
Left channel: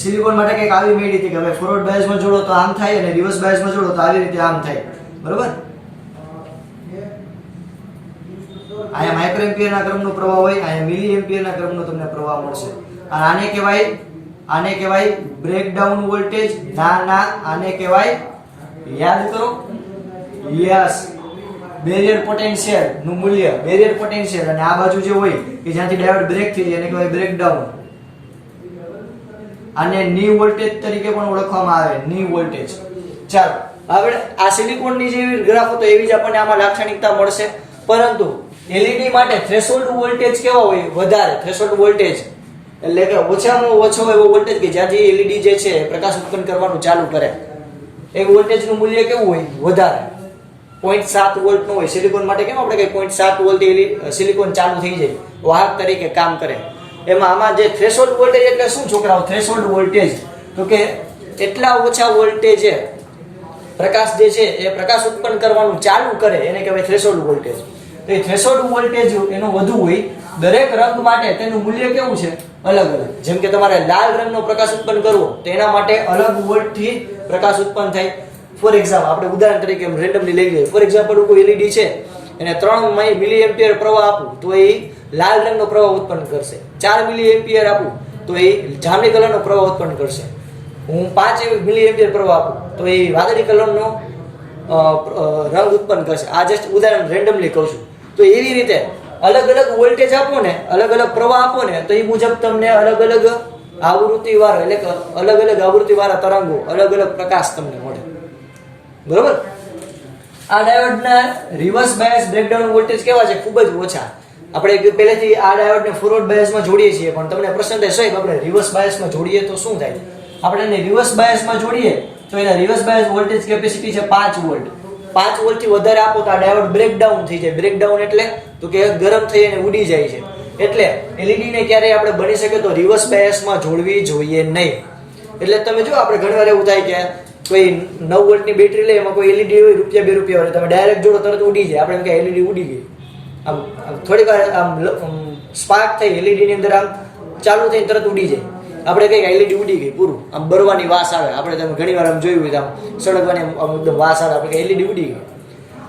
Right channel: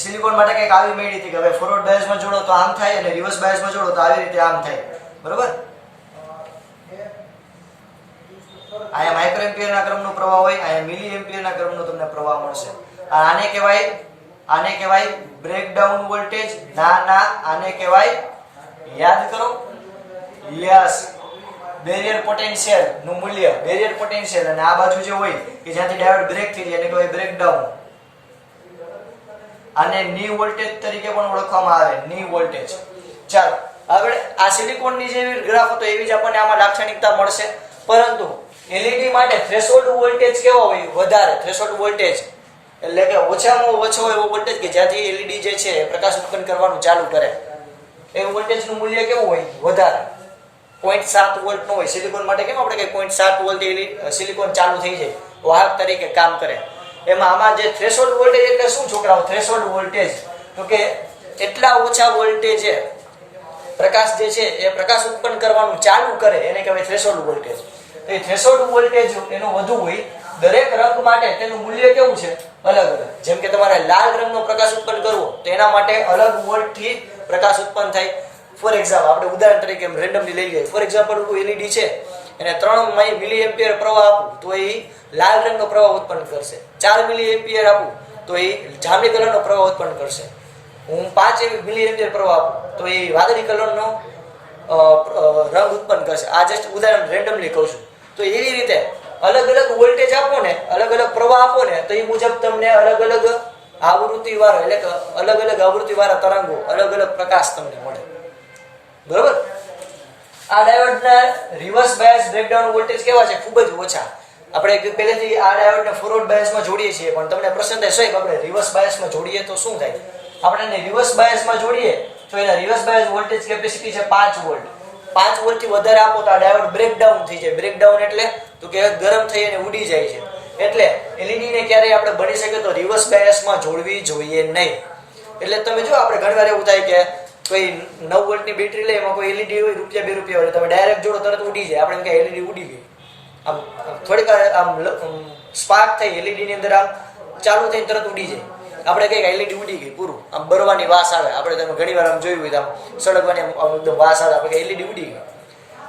સિલિકોન માટે કંઈક આવી મળી હતી કે હવે ફોરવર્ડ બાયસમાં જોડો તો આમ થાય અને રિવર્સ બાયસમાં જોડો તો આવી રીતે આમ થાય. બરોબર? આ માઇક્રો એમ્પિયરના ક્રમનો પ્રવાહ હોય, આ મિલી એમ્પિયરના ક્રમનો તમને પ્રવાહ મળશે. આને કહેવાય બ્રેકડાઉન વોલ્ટેજ. ના આને કહેવાય, યાદ કરો, યસ, બેરિયર પોટેન્શિયલ નું મૂલ્ય, બેરિયર પોટેન્શિયલ. અને આ બાજુ જે હોય કે જ્યાંથી ડાયોડ બ્રેક થઈ જાય એને કહેવાય બ્રેકડાઉન. આને ની વોલ્ટેજ તરીકે પણ ઓળખવામાં આવે, ની વોલ્ટેજ. ચાલો આગળ આ સિલિકોનની જે ગ્રાફ હતો એવી જ આપણને આમાં લાક્ષણિકતા મળશે, પરંતુ એલઈડી માટે થ્રેશોલ્ડ વોલ્ટેજ કેવો હોય? વધારે. થ્રેશોલ્ડ વોલ્ટેજ એટલે કે ઓછામાં ઓછો એવો વોલ્ટેજ કે જ્યાંથી એલઈડી જે છે પ્રકાશ ઉત્પન્ન કરવાનું ચાલુ કરે એ વોલ્ટેજનું મૂલ્ય કેવું હોય? વધારે. 0.7 વોલ્ટ નો હોય. સિલિકોન માટે કેમ આપણે કઈ 0.7 વોલ્ટ સિલિકોન ચાલુ થઈ જાય, વાહક તરીકે કામ કરે. એમાં આમાં જે થ્રેશોલ્ડ વોલ્ટેજ એટલે શું છોકરાઓ? થ્રેશોલ્ડ વોલ્ટેજ તો કે એટલા ઓછા વોલ્ટેજે પ્રકાશ જે છે એ પ્રકાશ ઉત્પન્ન કરવાનું ચાલુ કરે એને કહેવાય થ્રેશોલ્ડ વોલ્ટેજ. એ થ્રેશોલ્ડ વોલ્ટેજ એનો વધુ હોય. દરેક રંગ માટે તેનું મૂલ્ય કેવું છે? અલગ અલગ. જેમ કે તમારે લાલ રંગનો પ્રકાશ ઉત્પન્ન કરવો તો એના માટે અલગ વોલ્ટથી પ્રકાશ ઉત્પન્ન થાય. ફોર એક્ઝામ્પલ આપણે ઉદાહરણ તરીકે રેન્ડમલી લઈ લઈએ. ફોર એક્ઝામ્પલ કોઈ એલઈડી છે એને 3 મિલી એમ્પિયર પ્રવાહ આપું તો એ લાલ રંગનો પ્રવાહ ઉત્પન્ન કરશે. 4 મિલી એમ્પિયર આપું તો એ જાંબલી કલરનો પ્રવાહ ઉત્પન્ન કરશે. હું 5 મિલી એમ્પિયર પ્રવાહ આપું તો એ વાદળી કલરનો રંગ ઉત્પન્ન કરશે. આ જસ્ટ ઉદાહરણ રેન્ડમલી કહું છું. તો એવી રીતે અલગ અલગ વોલ્ટેજ આપો ને, અલગ અલગ પ્રવાહ આપો ને, તો એ મુજબ તમને અલગ અલગ આવૃત્તિ વાળો એટલે કે અલગ અલગ આવૃત્તિ વાળા તરંગો, અલગ અલગ પ્રકાશ તમને મળે. બરોબર? આ ડાયોડના રિવર્સ બાયસ બ્રેકડાઉન વોલ્ટેજ કેવા છે? ખૂબ જ ઓછા. આપણે પહેલેથી આ ડાયોડને ફોરવર્ડ બાયસમાં જોડીએ છીએ, પણ તમને પ્રશ્ન થાય સાહેબ આપણે રિવર્સ બાયસમાં જોડીએ તો શું થાય? આપણે એને રિવર્સ બાયસમાં જોડીએ તો એના રિવર્સ બાયસ વોલ્ટેજ કેપેસિટી છે 5 વોલ્ટ. 5 વોલ્ટ થી વધારે આપો તો આ ડાયોડ બ્રેકડાઉન થઈ જાય. બ્રેકડાઉન એટલે તો કે ગરમ થઈ અને ઉડી જાય છે. એટલે એલઈડી ને ક્યારે આપણે બની શકે તો રિવર્સ બાયસમાં જોડવી જોઈએ નહીં. એટલે તમે જો આપણે ઘણીવાર એવું થાય કે કોઈ 9 વોલ્ટની બેટરી લે એમાં કોઈ એલઈડી હોય ₹1-2 હોય તમે ડાયરેક્ટ જોડો તરત ઉડી જાય. આપણે એમ કે એલઈડી ઉડી ગઈ. આમ થોડીક વાર આમ સ્પાર્ક થઈ એલઈડી ની અંદર આમ ચાલુ થઈ તરત ઉડી જાય. આપણે કઈ એલઈડી ઉડી ગઈ પૂરું. આમ બરવાની વાસ આવે. આપણે તમે ઘણીવાર આમ જોયું હોય આમ સળગવાની એકદમ વાસ આવે. આપણે એલઈડી ઉડી ગઈ.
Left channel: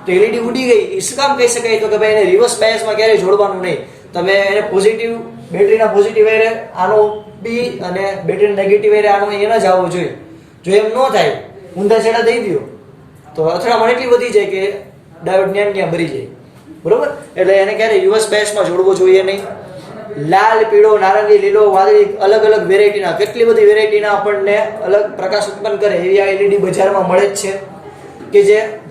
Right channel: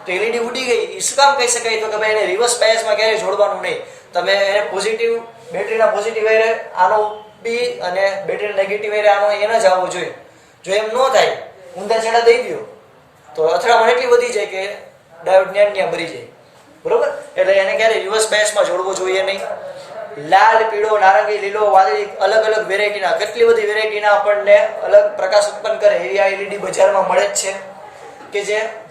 તો એલઈડી ઉડી ગઈ એ શું કામ કહી શકાય? તો કે ભાઈ એને રિવર્સ બાયસમાં ક્યારેય જોડવાનું નહીં. તમે એને પોઝિટિવ બેટરીના પોઝિટિવ વાયરે આનો બી અને બેટરીના નેગેટિવ વાયરે આનો એને જ આવવો જોઈએ. જો એમ ન થાય ઊંધા છેડા દઈ ગયો તો અથડામણ એટલી વધી જાય કે ડાયોડ ન્યા ભરી જાય. બરોબર? એટલે એને ક્યારેય રિવર્સ બાયસમાં જોડવો જોઈએ નહીં. લાલ, પીળો, નારંગી, લીલો, વાદળી અલગ અલગ વેરાયટીના, કેટલી બધી વેરાયટીના આપણને અલગ પ્રકાશ ઉત્પન્ન કરે એવી આ એલઈડી બજારમાં મળે જ છે કે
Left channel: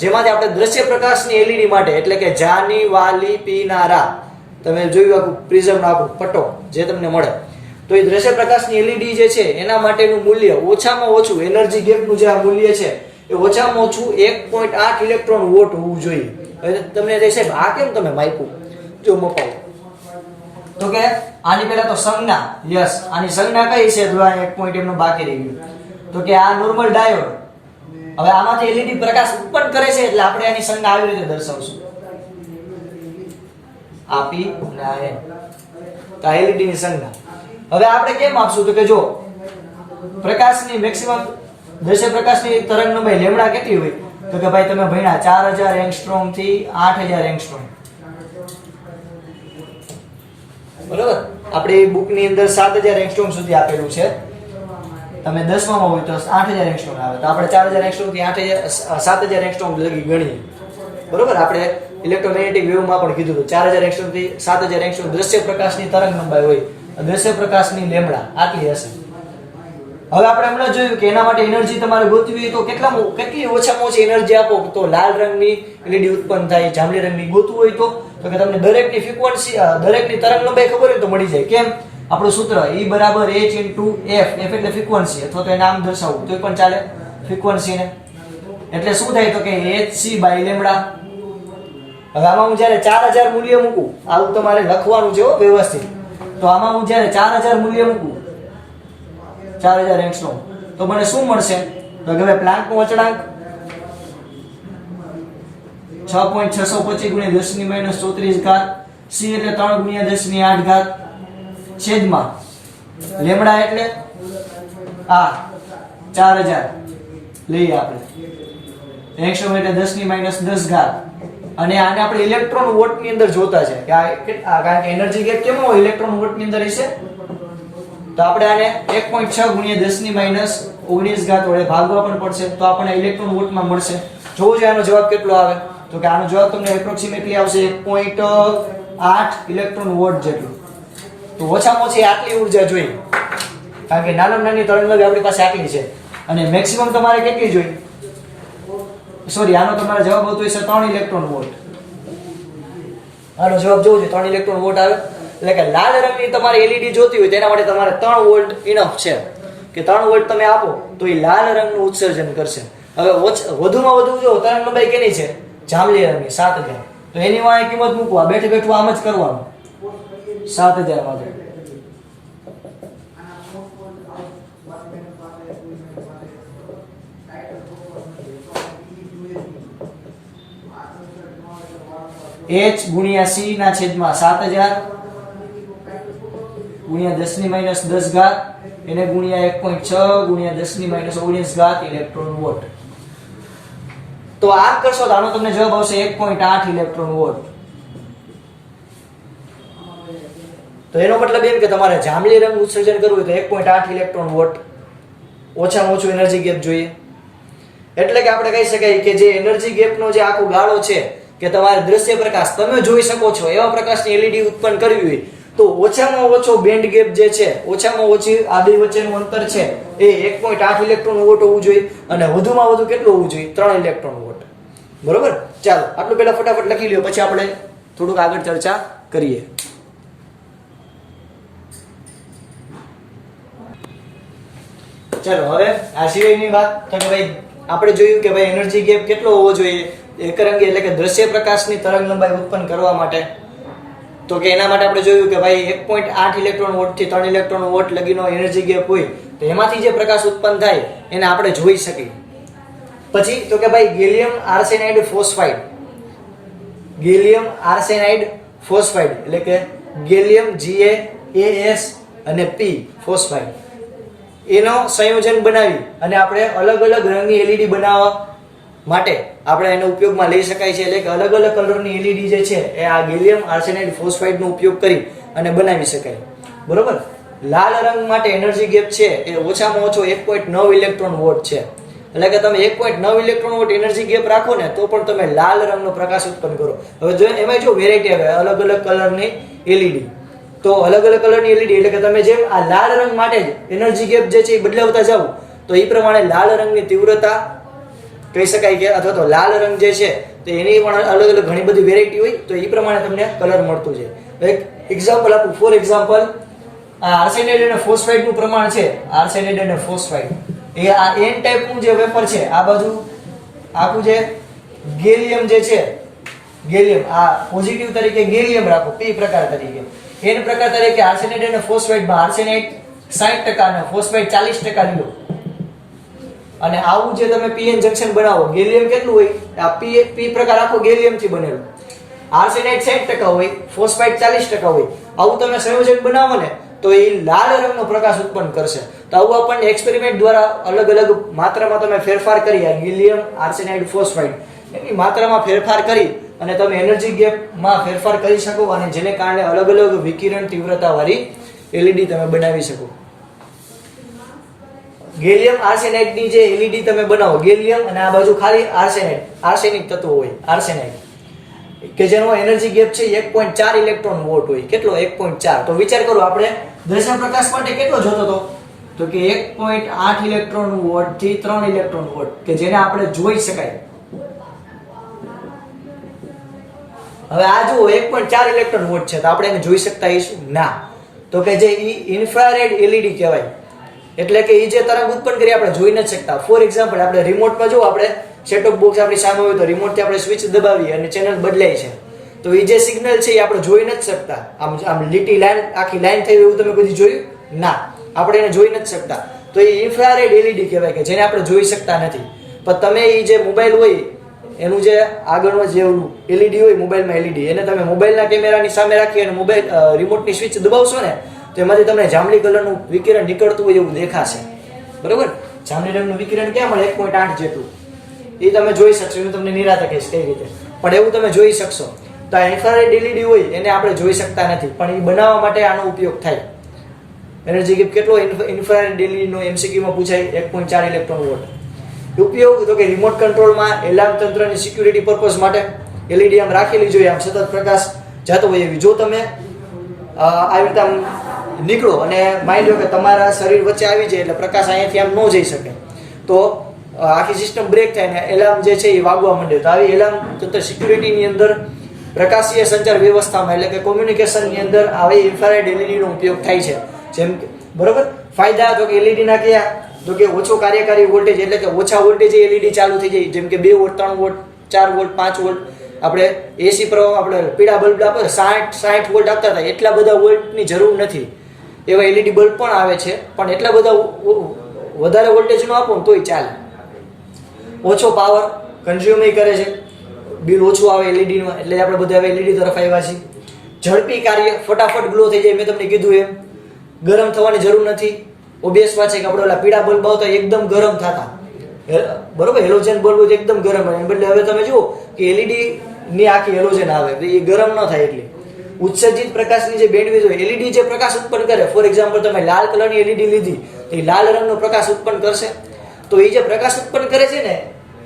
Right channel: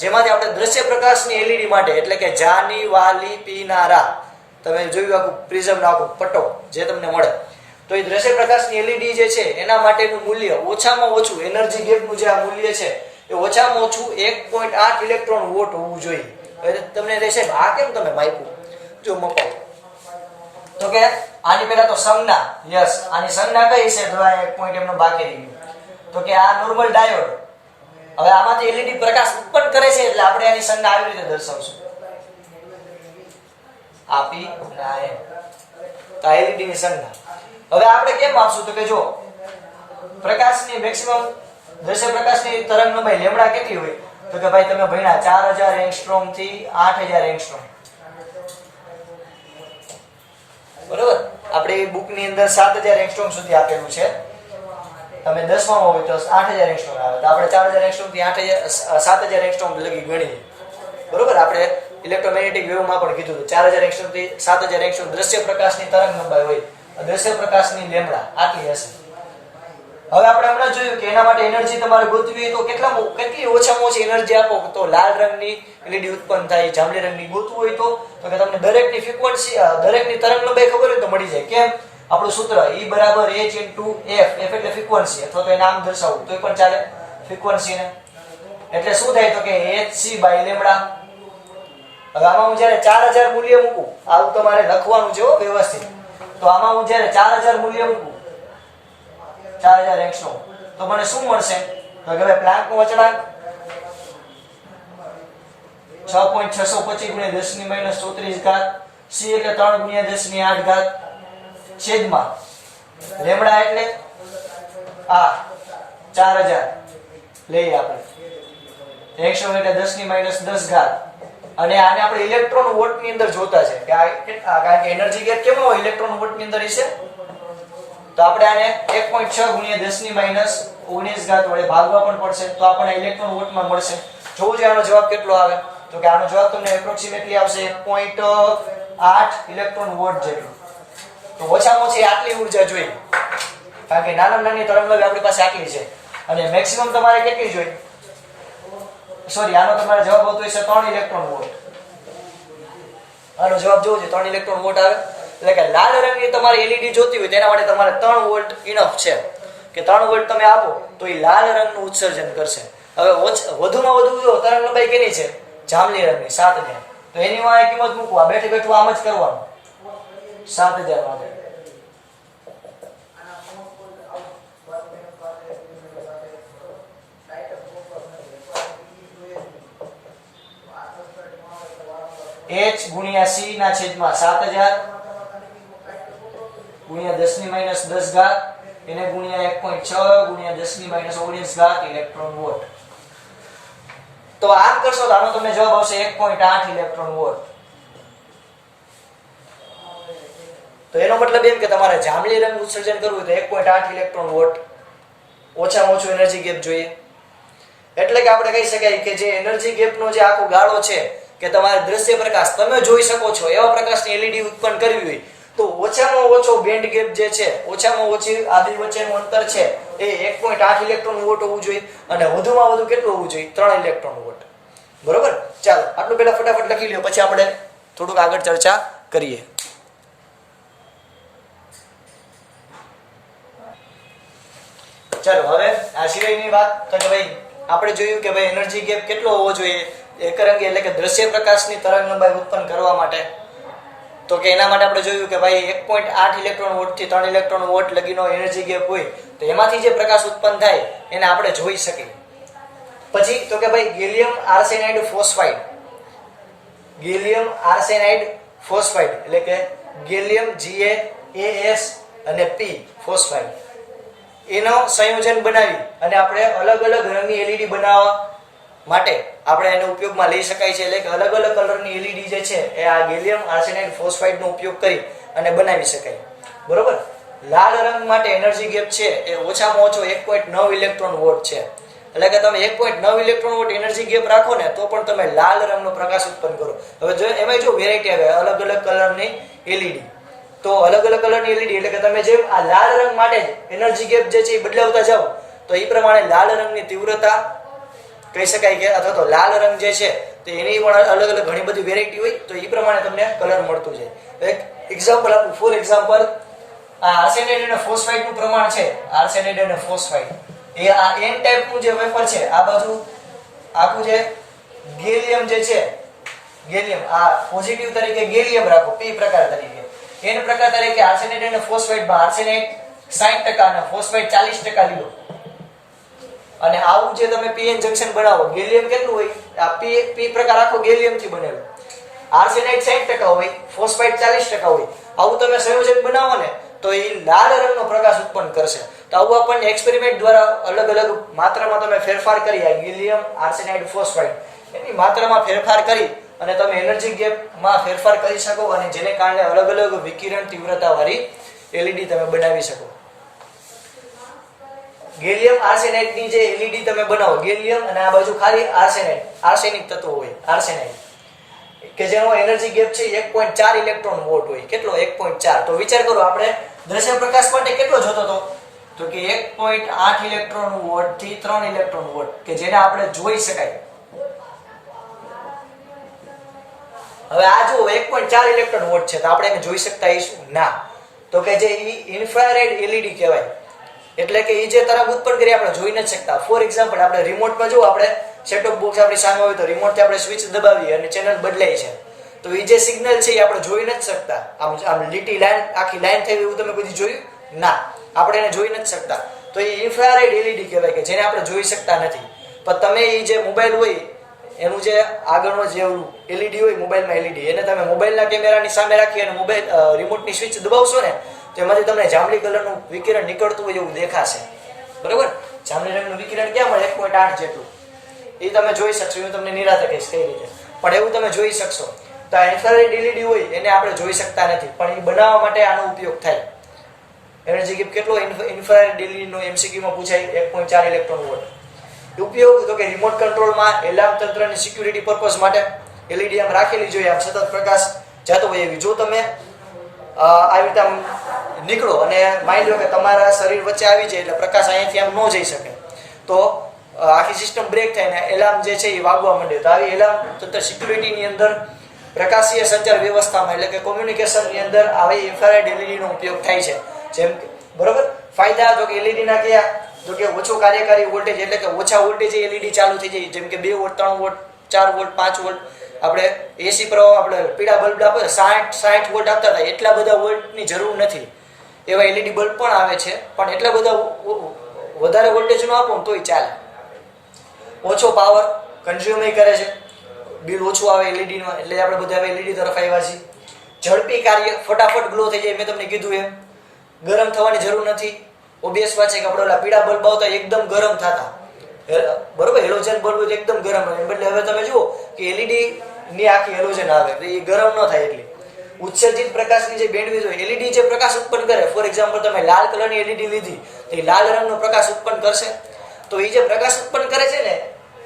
જેમાંથી આપણે દ્રશ્ય પ્રકાશની એલઈડી માટે એટલે કે જાની, વાલી, પીનારા તમે જોયું આખું પ્રિઝમ નો આખું પટ્ટો જે તમને મળે તો એ દ્રશ્ય પ્રકાશની એલઈડી જે છે એના માટેનું મૂલ્ય ઓછામાં ઓછું એનર્જી ગેપનું જે મૂલ્ય છે એ ઓછામાં ઓછું 1.8 ઇલેક્ટ્રોન વોટ હોવું જોઈએ. હવે તમને કહે સાહેબ આ કેમ તમે માપ્યું? જો મપાવ તો કે આની પહેલા તો સંજ્ઞા, યસ આની સંજ્ઞા કઈ છે? જો આ એક પોઈન્ટ એમનો બાકી રહી ગયો. તો કે આ નોર્મલ ડાયોડ. હવે આમાંથી એલઈડી પ્રકાશ ઉત્પન્ન કરે છે એટલે આપણે આની સંજ્ઞા આવી રીતે દર્શાવશું. આ P અને આ N. તો આ એલઈડી ની સંજ્ઞા. હવે આપણે કેમ આપશું? તો કે જો પ્રકાશની મેક્સિમમ દ્રશ્ય પ્રકાશની તરંગ લંબાઈ લેમ્ડા કેટલી હોય? તો કે ભાઈ તમે ભણ્યા 4000 એંગસ્ટ્રોમ થી 8000 એંગસ્ટ્રોમ. બરોબર, આપણી બુક ની અંદર 7000 એંગસ્ટ્રોમ સુધી આપેલું છે. તમે 10માં હોય તો 8000 એંગસ્ટ્રોમ આવે. તો આપણે 4000 એંગસ્ટ્રોમ થી 7000 એંગસ્ટ્રોમ લગી ગણીએ. બરોબર, આપણે ઇલેક્ટ્રોમેગ્નેટિક વેવ માં પણ કીધું હતું 4000 એંગસ્ટ્રોમ થી 7000 એંગસ્ટ્રોમ દ્રશ્ય પ્રકાશની તરંગ લંબાઈ હોય. દ્રશ્ય પ્રકાશની લેમ્ડા આટલી હશે. હવે આપણે હમણાં જોયું કે એના માટે એનર્જી તમારે ગોતવી હોય તો કેટલી ઓછામાં ઓછી એનર્જી આપો તો લાલ રંગની એલઈડી ઉત્પન્ન થાય, જાંબલી રંગની ગોતવું હોય તો કે તમને દરેકની ફ્રીક્વન્સી, દરેકની તરંગ લંબાઈ ખબર હોય તો મળી જાય. કેમ? આપણું સૂત્ર E બરાબર h * f. f એટલે ફ્રીક્વન્સી અથવા તો નામ દર્શાવવું તોય પણ ચાલે, ફ્રીક્વન્સી ને. એટલે શું થાય તો કે hc/લેમ્ડા. હવે આમાં હું જ્યારે 4000 મૂલ્ય મૂકું, આવું તમારે લખવાનું છે વ્યવસ્થિત. તો આમાં હું જ્યારે 4000 મૂલ્ય મૂકું, 4000 એંગસ્ટ્રોમ, તો મને શું મળશે? તો કે ભાઈ પ્લાન્કનો અચળાંક 6.625 × 10⁻³ c એટલે 3 × 10⁸ છેદમાં લેમ્ડા એટલે આ 4000 લઈએ આપણે, એંગસ્ટ્રોમ એટલે 10⁻10⁻. અને આને આપણે ઇલેક્ટ્રોન વોટ ની અંદર જોતા છે કે કારણ કે એનર્જી ગેપ કેમ હોય ઇલેક્ટ્રોન વોટ ની અંદર હશે. તો આપણે આને 1.6 × 10⁻19 વડે ભાગવા પણ પડશે તો આપણને ઇલેક્ટ્રોન વોટમાં મળશે. જોવું છે આનો જવાબ કેટલો આવે. તો કે આનો જવાબ તમને એપ્રોક્સિમેટલી આવશે 1.8 ઇલેક્ટ્રોન વોટ જેટલું. તો ઓછામાં ઓછી આટલી ઉર્જા જોઈએ કારણ કે નાનામાં નાની તરંગલંબાઈ આપણી પાસે આટલી છે. અને મેક્સિમમ તમારે કેટલી જોઈએ? સોરી, આનો તમારે જવાબ આવતો હશે 3 ઇલેક્ટ્રોન વોટ. આનો જવાબ જોવો છે 3 ઇલેક્ટ્રોન વોટ આવે. એટલે કે લાલ રંગની તમારી એલઈડી જોતી હોય તેના માટે તમારે 3 વોલ્ટ ઇનફ છે કે 3 વોલ્ટ તમે આપો તો એ લાલ રંગનું ઉત્સર્જન કરશે. હવે વધુમાં વધુ જો તરંગ લંબાઈ કેની છે? જાંબલી રંગની 7000. તો એની વાંહે કિંમત મૂકવા બેઠે બેઠું આમ જ કરવાનું 7000 માટે. h × c ના છેદમાં 7000 × 10⁻10⁻, એને ગુણ્યા 1.6 × 10⁻19 ઇલેક્ટ્રોન વોટ. તો આમ કરશો તો આનો તમને જવાબ આવશે 1.8 ઇલેક્ટ્રોન વોટ. તો એનો મતલબ એમ કે તમારે જાંબલી રંગ ઉત્સર્જન કરવું હોય તો 1.8 ઇલેક્ટ્રોન વોટ ઓછામાં ઓછું એનર્જી ગેપ જોઈએ. એટલે કે આપણે કહી શકાય કે જે એનર્જી ગેપનો જે આખો ગાળો છે કે તમારે દ્રશ્ય પ્રકાશ તમે જોઈ શકો છો એવા પ્રકાશની એલઈડી ઉત્પન્ન કરવી હોય તો ઓછામાં ઓછો બેન્ડ ગેપ જે છે, ઓછામાં ઓછી આ બે વચ્ચેનું અંતર છે એ 1.8 ઇલેક્ટ્રોન વોટ હોવું જોઈએ. અને વધુમાં વધુ કેટલું હોવું જોઈએ? 3 ઇલેક્ટ્રોન વોટ. બરોબર, ચાલો આટલું પહેલા ફટાફટ લખી લ્યો પછી આપણે થોડુંક આગળ ચર્ચા કરીએ. ચાલો હવે આ સિવાયની વાત તો કે ભાઈ આપણે જોયું કે ભાઈ એનર્જી ગેપ કેટલો હોવો જોઈએ એકરંગી એટલે કે દ્રશ્ય પ્રકાશની તરંગ લંબાઈ ઉત્પન્ન કરવા માટે. તો કે એના માટે આપણે જોયું કે ભાઈ 1.8 ઇલેક્ટ્રોન વોટ થી 3 ઇલેક્ટ્રોન વોટ લગીનો એનર્જી ગેપ હોય તો એમાંથી જે પ્રકાશ ઉત્પન્ન થાય એને આપણે જોઈ શકીએ. પછી તો કે ભાઈ gallium arsenide phosphide, gallium arsenide phosphide એટલે કે ગેલિયમ GaAs અને P ફોસ્ફાઇડ એનો સંયોજન બનાવી અને આપણે અલગ અલગ રંગની એલઈડી બનાવવા માટે આપણે એનો ઉપયોગમાં લઈ શકાય છે. એટલે કે અલગ અલગ કલરની એલઈડી જે છે એ આ ગેલિયમ આર્સેનાઇડ ફોસ્ફાઇડ નો ઉપયોગ કરી અને બનાવી શકાય. બરોબર, લાલ રંગ માટે એનર્જી ગેપ છે એ ઓછામાં ઓછો 1.9 ઇલેક્ટ્રોન વોટ છે. એટલે કે તમે 1.9 ઇલેક્ટ્રોન વોટ એનર્જી ગેપ રાખો ને તો પણ તમે લાલ રંગનો પ્રકાશ ઉત્પન્ન કરો. હવે જો એમાં જો વેરાયટી આવે અલગ અલગ કલરની એલઈડી, તો અલગ અલગ કલરની એલઈડી એટલે કે તમે જેમ આ લાલ રંગ માટે જ એનર્જી ગેપ જે છે એ બદલાવતા જાવ તો એ પ્રમાણે લાલ રંગની તીવ્રતા કહી શકાય કે અથવા તો લાલ રંગ જે છે તો એની પણ અલગ અલગ ઘણી બધી વેરાયટી હોય તો એ પ્રમાણે તમને કલર મળતું જાય. એક એક્ઝામ્પલ આપું, ફોર એક્ઝામ્પલ આ આર્સેનાઇડ અને ફોસ્ફાઇડ નું પ્રમાણ છે. આર્સેનાઇડ અને ફોસ્ફાઇડ એ આ N ટાઈપ નું જે વેફર છે, આ બાજુ આખું જે ગેલિયમ જે છે ગેલિયમ, આ પોઝિટિવ તરીકે ગેલિયમ રાખો P પ્રકાર તરીકે. N પ્રકાર તરીકે આર્સેનાઇડ અને ફોસ્ફાઇડમાં આર્સેનાઇડ 60% અને ફોસ્ફાઇડ 40% લ્યો. અને આવું જે તમે PN જંક્શન બનાવો, ગેલિયમ કેટલું હોય? આ P પ્રકાર આખો ગેલિયમ થી બનેલો. આર્સેનાઇડ 60% હોય, ફોસ્ફાઇડ 40% હોય. આવું તમે સંયોજન બનાવો ને તો એ લાલ રંગનો પ્રકાશ ઉત્પન્ન કરશે. તો આવું આપણને એક્સપેરિમેન્ટ દ્વારા અલગ અલગ માત્રામાં તમે ફેરફાર કરી, આ ગેલિયમ, આર્સેનાઇડ, ફોસ્ફાઇડ એની માત્રામાં ફેરફાર કરી અને તમે એનર્જી ગેપમાં ફેરફાર કરી શકો અને જેને કારણે અલગ અલગ વિકિરણ તીવ્રતા વાળી LED તમે બનાવી શકો. ગેલિયમ આર્સેનાઇડ ની જે LED તમે બનાવો, ગેલિયમ અને આ બાજુ ખાલી આર્સેનાઇડ, આર્સેનિક તત્વો હોય, આર્સેનાઇડ કે જેનો એનર્જી ગેપ છે 1.4 ઇલેક્ટ્રોન વોલ્ટ હોય. કેટલો? 1.4. તો વિચાર કરો, આપણે દ્રશ્ય પ્રકાશ માટે કેટલો જોતો હતો? તો કે 1.8 ઇલેક્ટ્રોન વોલ્ટ થી 3 ઇલેક્ટ્રોન વોલ્ટ કે જેને આપણે જોઈ શકાય. હવે આ જો 1.4 ઇલેક્ટ્રોન વોલ્ટ છે તો આપણે એને જોઈ શકતા હશું? ના. તો કે જે ઇન્ફ્રારેડ LED કહેવાય, એટલે કે એ જે તરંગ ઉત્પન્ન કરી આપણે જોઈ નથી શકતા. ફોર એક્ઝામ્પલ, આપણે રિમોટમાં જો આપણે સેટઅપ બોક્સ આપણી સામે હોય તો રિમોટથી આપણે સ્વિચ દબાવીએ અને ચેનલ બદલાય છે, તો એ જે સિગ્નલ છે એ આપણે જોઈ નથી શકતા. આમ લીટી લાઈન, આખી લાઈન થઈ એવું તમે કદી જોયું? ના, આપણે એને જોઈ નથી શકતા. તો એ ઇન્ફ્રારેડ LED કહેવાય કે જેને આપણે જોઈ શકતા નથી. પણ તમે એ જે મોબાઈલ હોય એનું જે આગળનો જે LED હોય મોબાઈલમાં LED, એને તમે મોબાઈલના કેમેરાની સામે રાખી અને મોબાઈલ રિમોટની સ્વિચ દબાવશો ને તો એમાંથી તમને જાંબલી કલરનું વિકિરણ નીકળતું હોય એવું દેખાશે. બરોબર? જાંબલી રંગનું વિકિરણ ક્યાં મળે? 1.8 જેટલું. એ તમે જોઈ શકશો. હું તમને નિરાતે કહીશ કઈ રીતે, પણ એવું તમે જોઈ શકશો. તો આ ઇન્ફ્રારેડ LED હોય એને આપણે જોઈ શકતા નથી, પણ એ બનાવવા માટે આનો ઉપયોગ થાય. એનર્જી ગેપ કેટલો ઇન્ફ્રારેડ LED નો MCQ માં પૂછાય? 1.4 ઇલેક્ટ્રોન વોલ્ટ. ઉપયોગ તો કે રિમોટ કંટ્રોલમાં, એલાર્મ તંત્રની સિક્યુરિટી પર્પઝ માટે LED આમ રાખેલી જોઈએ, આમ સતત પ્રકાશ જતો હોય એવી. જો તમે આવી રીતે આમ નીકળો અને માની લો કે તમારા શરીર વચ્ચે આવી જાય એટલે પ્રકાશ અહીંયાથી આમ ન જઈ શકે, તો આખી સિસ્ટમ બ્રેક થાય ને એલાર્મ જે છે એ વાગવા માંડે. તો આવી એલાર્મ તંત્ર સિક્યુરિટીની અંદર, પ્રકાશીય સંચાર વ્યવસ્થામાં એટલે કે કોમ્યુનિકેશનની અંદર આવી ઇન્ફ્રારેડ LED નો ઉપયોગ થાય છે. જેમ કે બરોબર ફાયદા તો કે LED ના કયા? તો કે ઓછો કાર્યકારી વોલ્ટેજ, એટલે કે ઓછા વોલ્ટેજે LED ચાલુ થઈ જાય. જેમ કે 2 વોલ્ટ, 3 વોલ્ટ, 4 વોલ્ટ, 5 વોલ્ટ. આપણે AC પ્રવાહ, આપણે પીળા બલ્બ આપે 60 વોલ્ટ આપતા હતા, એટલા બધા વોલ્ટની જરૂર નથી. એવા LED બલ્બ પણ આવે છે, પણ એટલા બધા વધારે વોલ્ટેજ નો આપો તોય ચાલે. ઓછો પાવર કન્ઝ્યુમ કરે છે, બિલ ઓછું આવે LED માં, એટલે આપણે બધા હવે LED તરફ આવ્યા છીએ. ઝડપી કાર્ય, ફટાફટ ગ્લો થઈ જાય. મેં તમને કીધું એમ ગરમ થવાની જરૂર નથી. ઓબ્વિયસ વાત છે કે આપણે ઓલા પીળા બલ્બ આવતા એકદમ ગરમ થતા, બરોબર? હેલોજન બલ્બ હોય એકદમ ગરમ હોય, બદલે હવે તમે જુઓ કે LED ની આખી હેલોજન આવે તો એ ગરમ ન થાય. એટલે ઉત્સર્જિત પ્રકાશની જે બેન્ડવિડ્થ હોય, LED જે પ્રકાશ ઉત્પન્ન કરે, ફોર એક્ઝામ્પલ તમે લાલ કલરની LED લીધી, એ લાલ રંગનો પ્રકાશ ઉત્પન્ન કરશે. તો એ જે પ્રકાશ ઉત્પન્ન કરે છે ને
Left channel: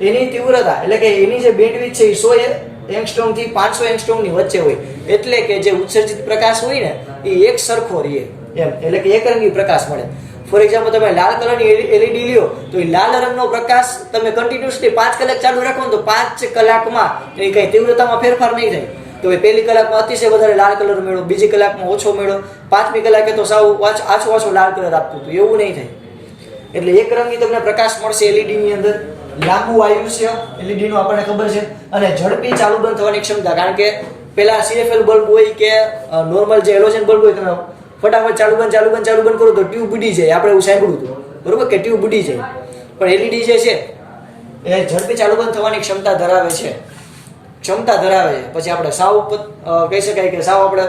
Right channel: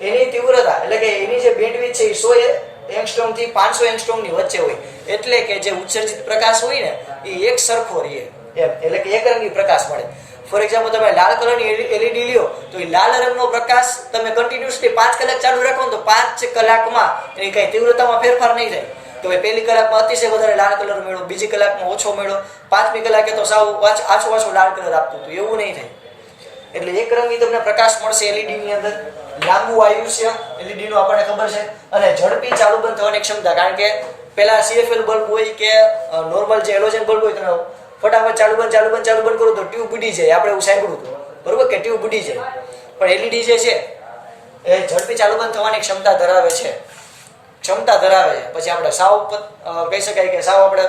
એની તીવ્રતા, એટલે કે એની જે બેન્ડવિડ્થ છે એ 100 એંગસ્ટ્રોમ થી 500 એંગસ્ટ્રોમ ની વચ્ચે હોય. એટલે કે જે ઉત્સર્જિત પ્રકાશ હોય ને એ એક સરખો રહે એમ, એટલે કે એકરંગી પ્રકાશ મળે. ફોર એક્ઝામ્પલ તમે લાલ કલરની LED લ્યો તો એ લાલ રંગનો પ્રકાશ તમે કન્ટિન્યુઅસલી 5 કલાક ચાલુ રાખો ને તો 5 કલાકમાં એ કઈ તીવ્રતામાં ફેરફાર નહીં થાય. તો પહેલી કલાકમાં અતિશય વધારે લાલ કલર મેળવો, બીજી કલાકમાં ઓછો મેળવો, 5મી કલાકે તો સાવ આછો લાલ કલર આપતું હતું, એવું નહીં થાય. એટલે એક રંગી તમને પ્રકાશ મળશે LED ની અંદર. લાંબુ આયુષ્ય LED નું આપણને ખબર છે, અને ઝડપી ચાલુ બંધ થવાની ક્ષમતા. કારણ કે પેલા CFL બલ્બ હોય કે નોર્મલ જે હેલોજન બલ્બ હોય, તમે ફટાફટ ચાલુ બંધ કરો તો ટ્યુબ બુડી જાય. આપણે એવું સાંભળ્યું હતું, બરોબર, કે ટ્યુબ બુડી જાય. પણ LED જે છે એ ઝડપી ચાલુ બંધ થવાની ક્ષમતા ધરાવે છે. પછી આપણે સાવ કહી શકાય કે સાવ આપણે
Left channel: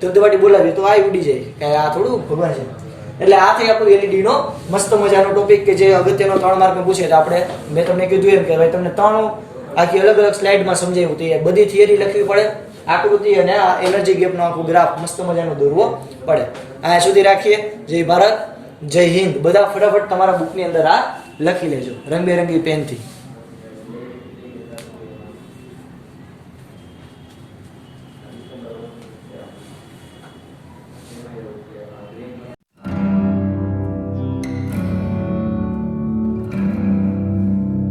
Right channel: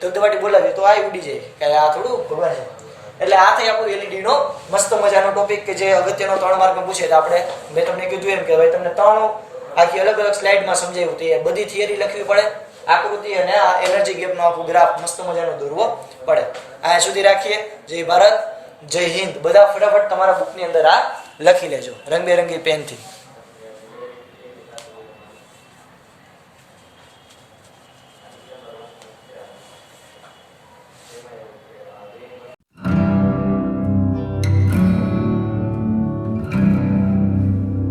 ધબધબાટી બોલાવીએ તો આ ઉડી જાય, કે આ થોડું ભગવાન છે. એટલે આ થઈ આપણું LED નો મસ્ત મજાનો ટોપિક કે જે અગત્યનો 3 માર્કમાં પૂછે. તો આપણે મેં તમને કીધું એમ કે ભાઈ તમને 3 આખી અલગ અલગ સ્લાઇડમાં સમજાવ્યું. તે બધી થિયરી લખવી પડે, આકૃતિ અને આ એનર્જી ગેપનો આખું ગ્રાફ મસ્ત મજાનો દોરવો પડે. આ સુધી રાખીએ. જય ભારત, જય હિન્દ. બધા ફટાફટ તમારા બુકની અંદર આ લખી લેજો રંગબેરંગી પેનથી.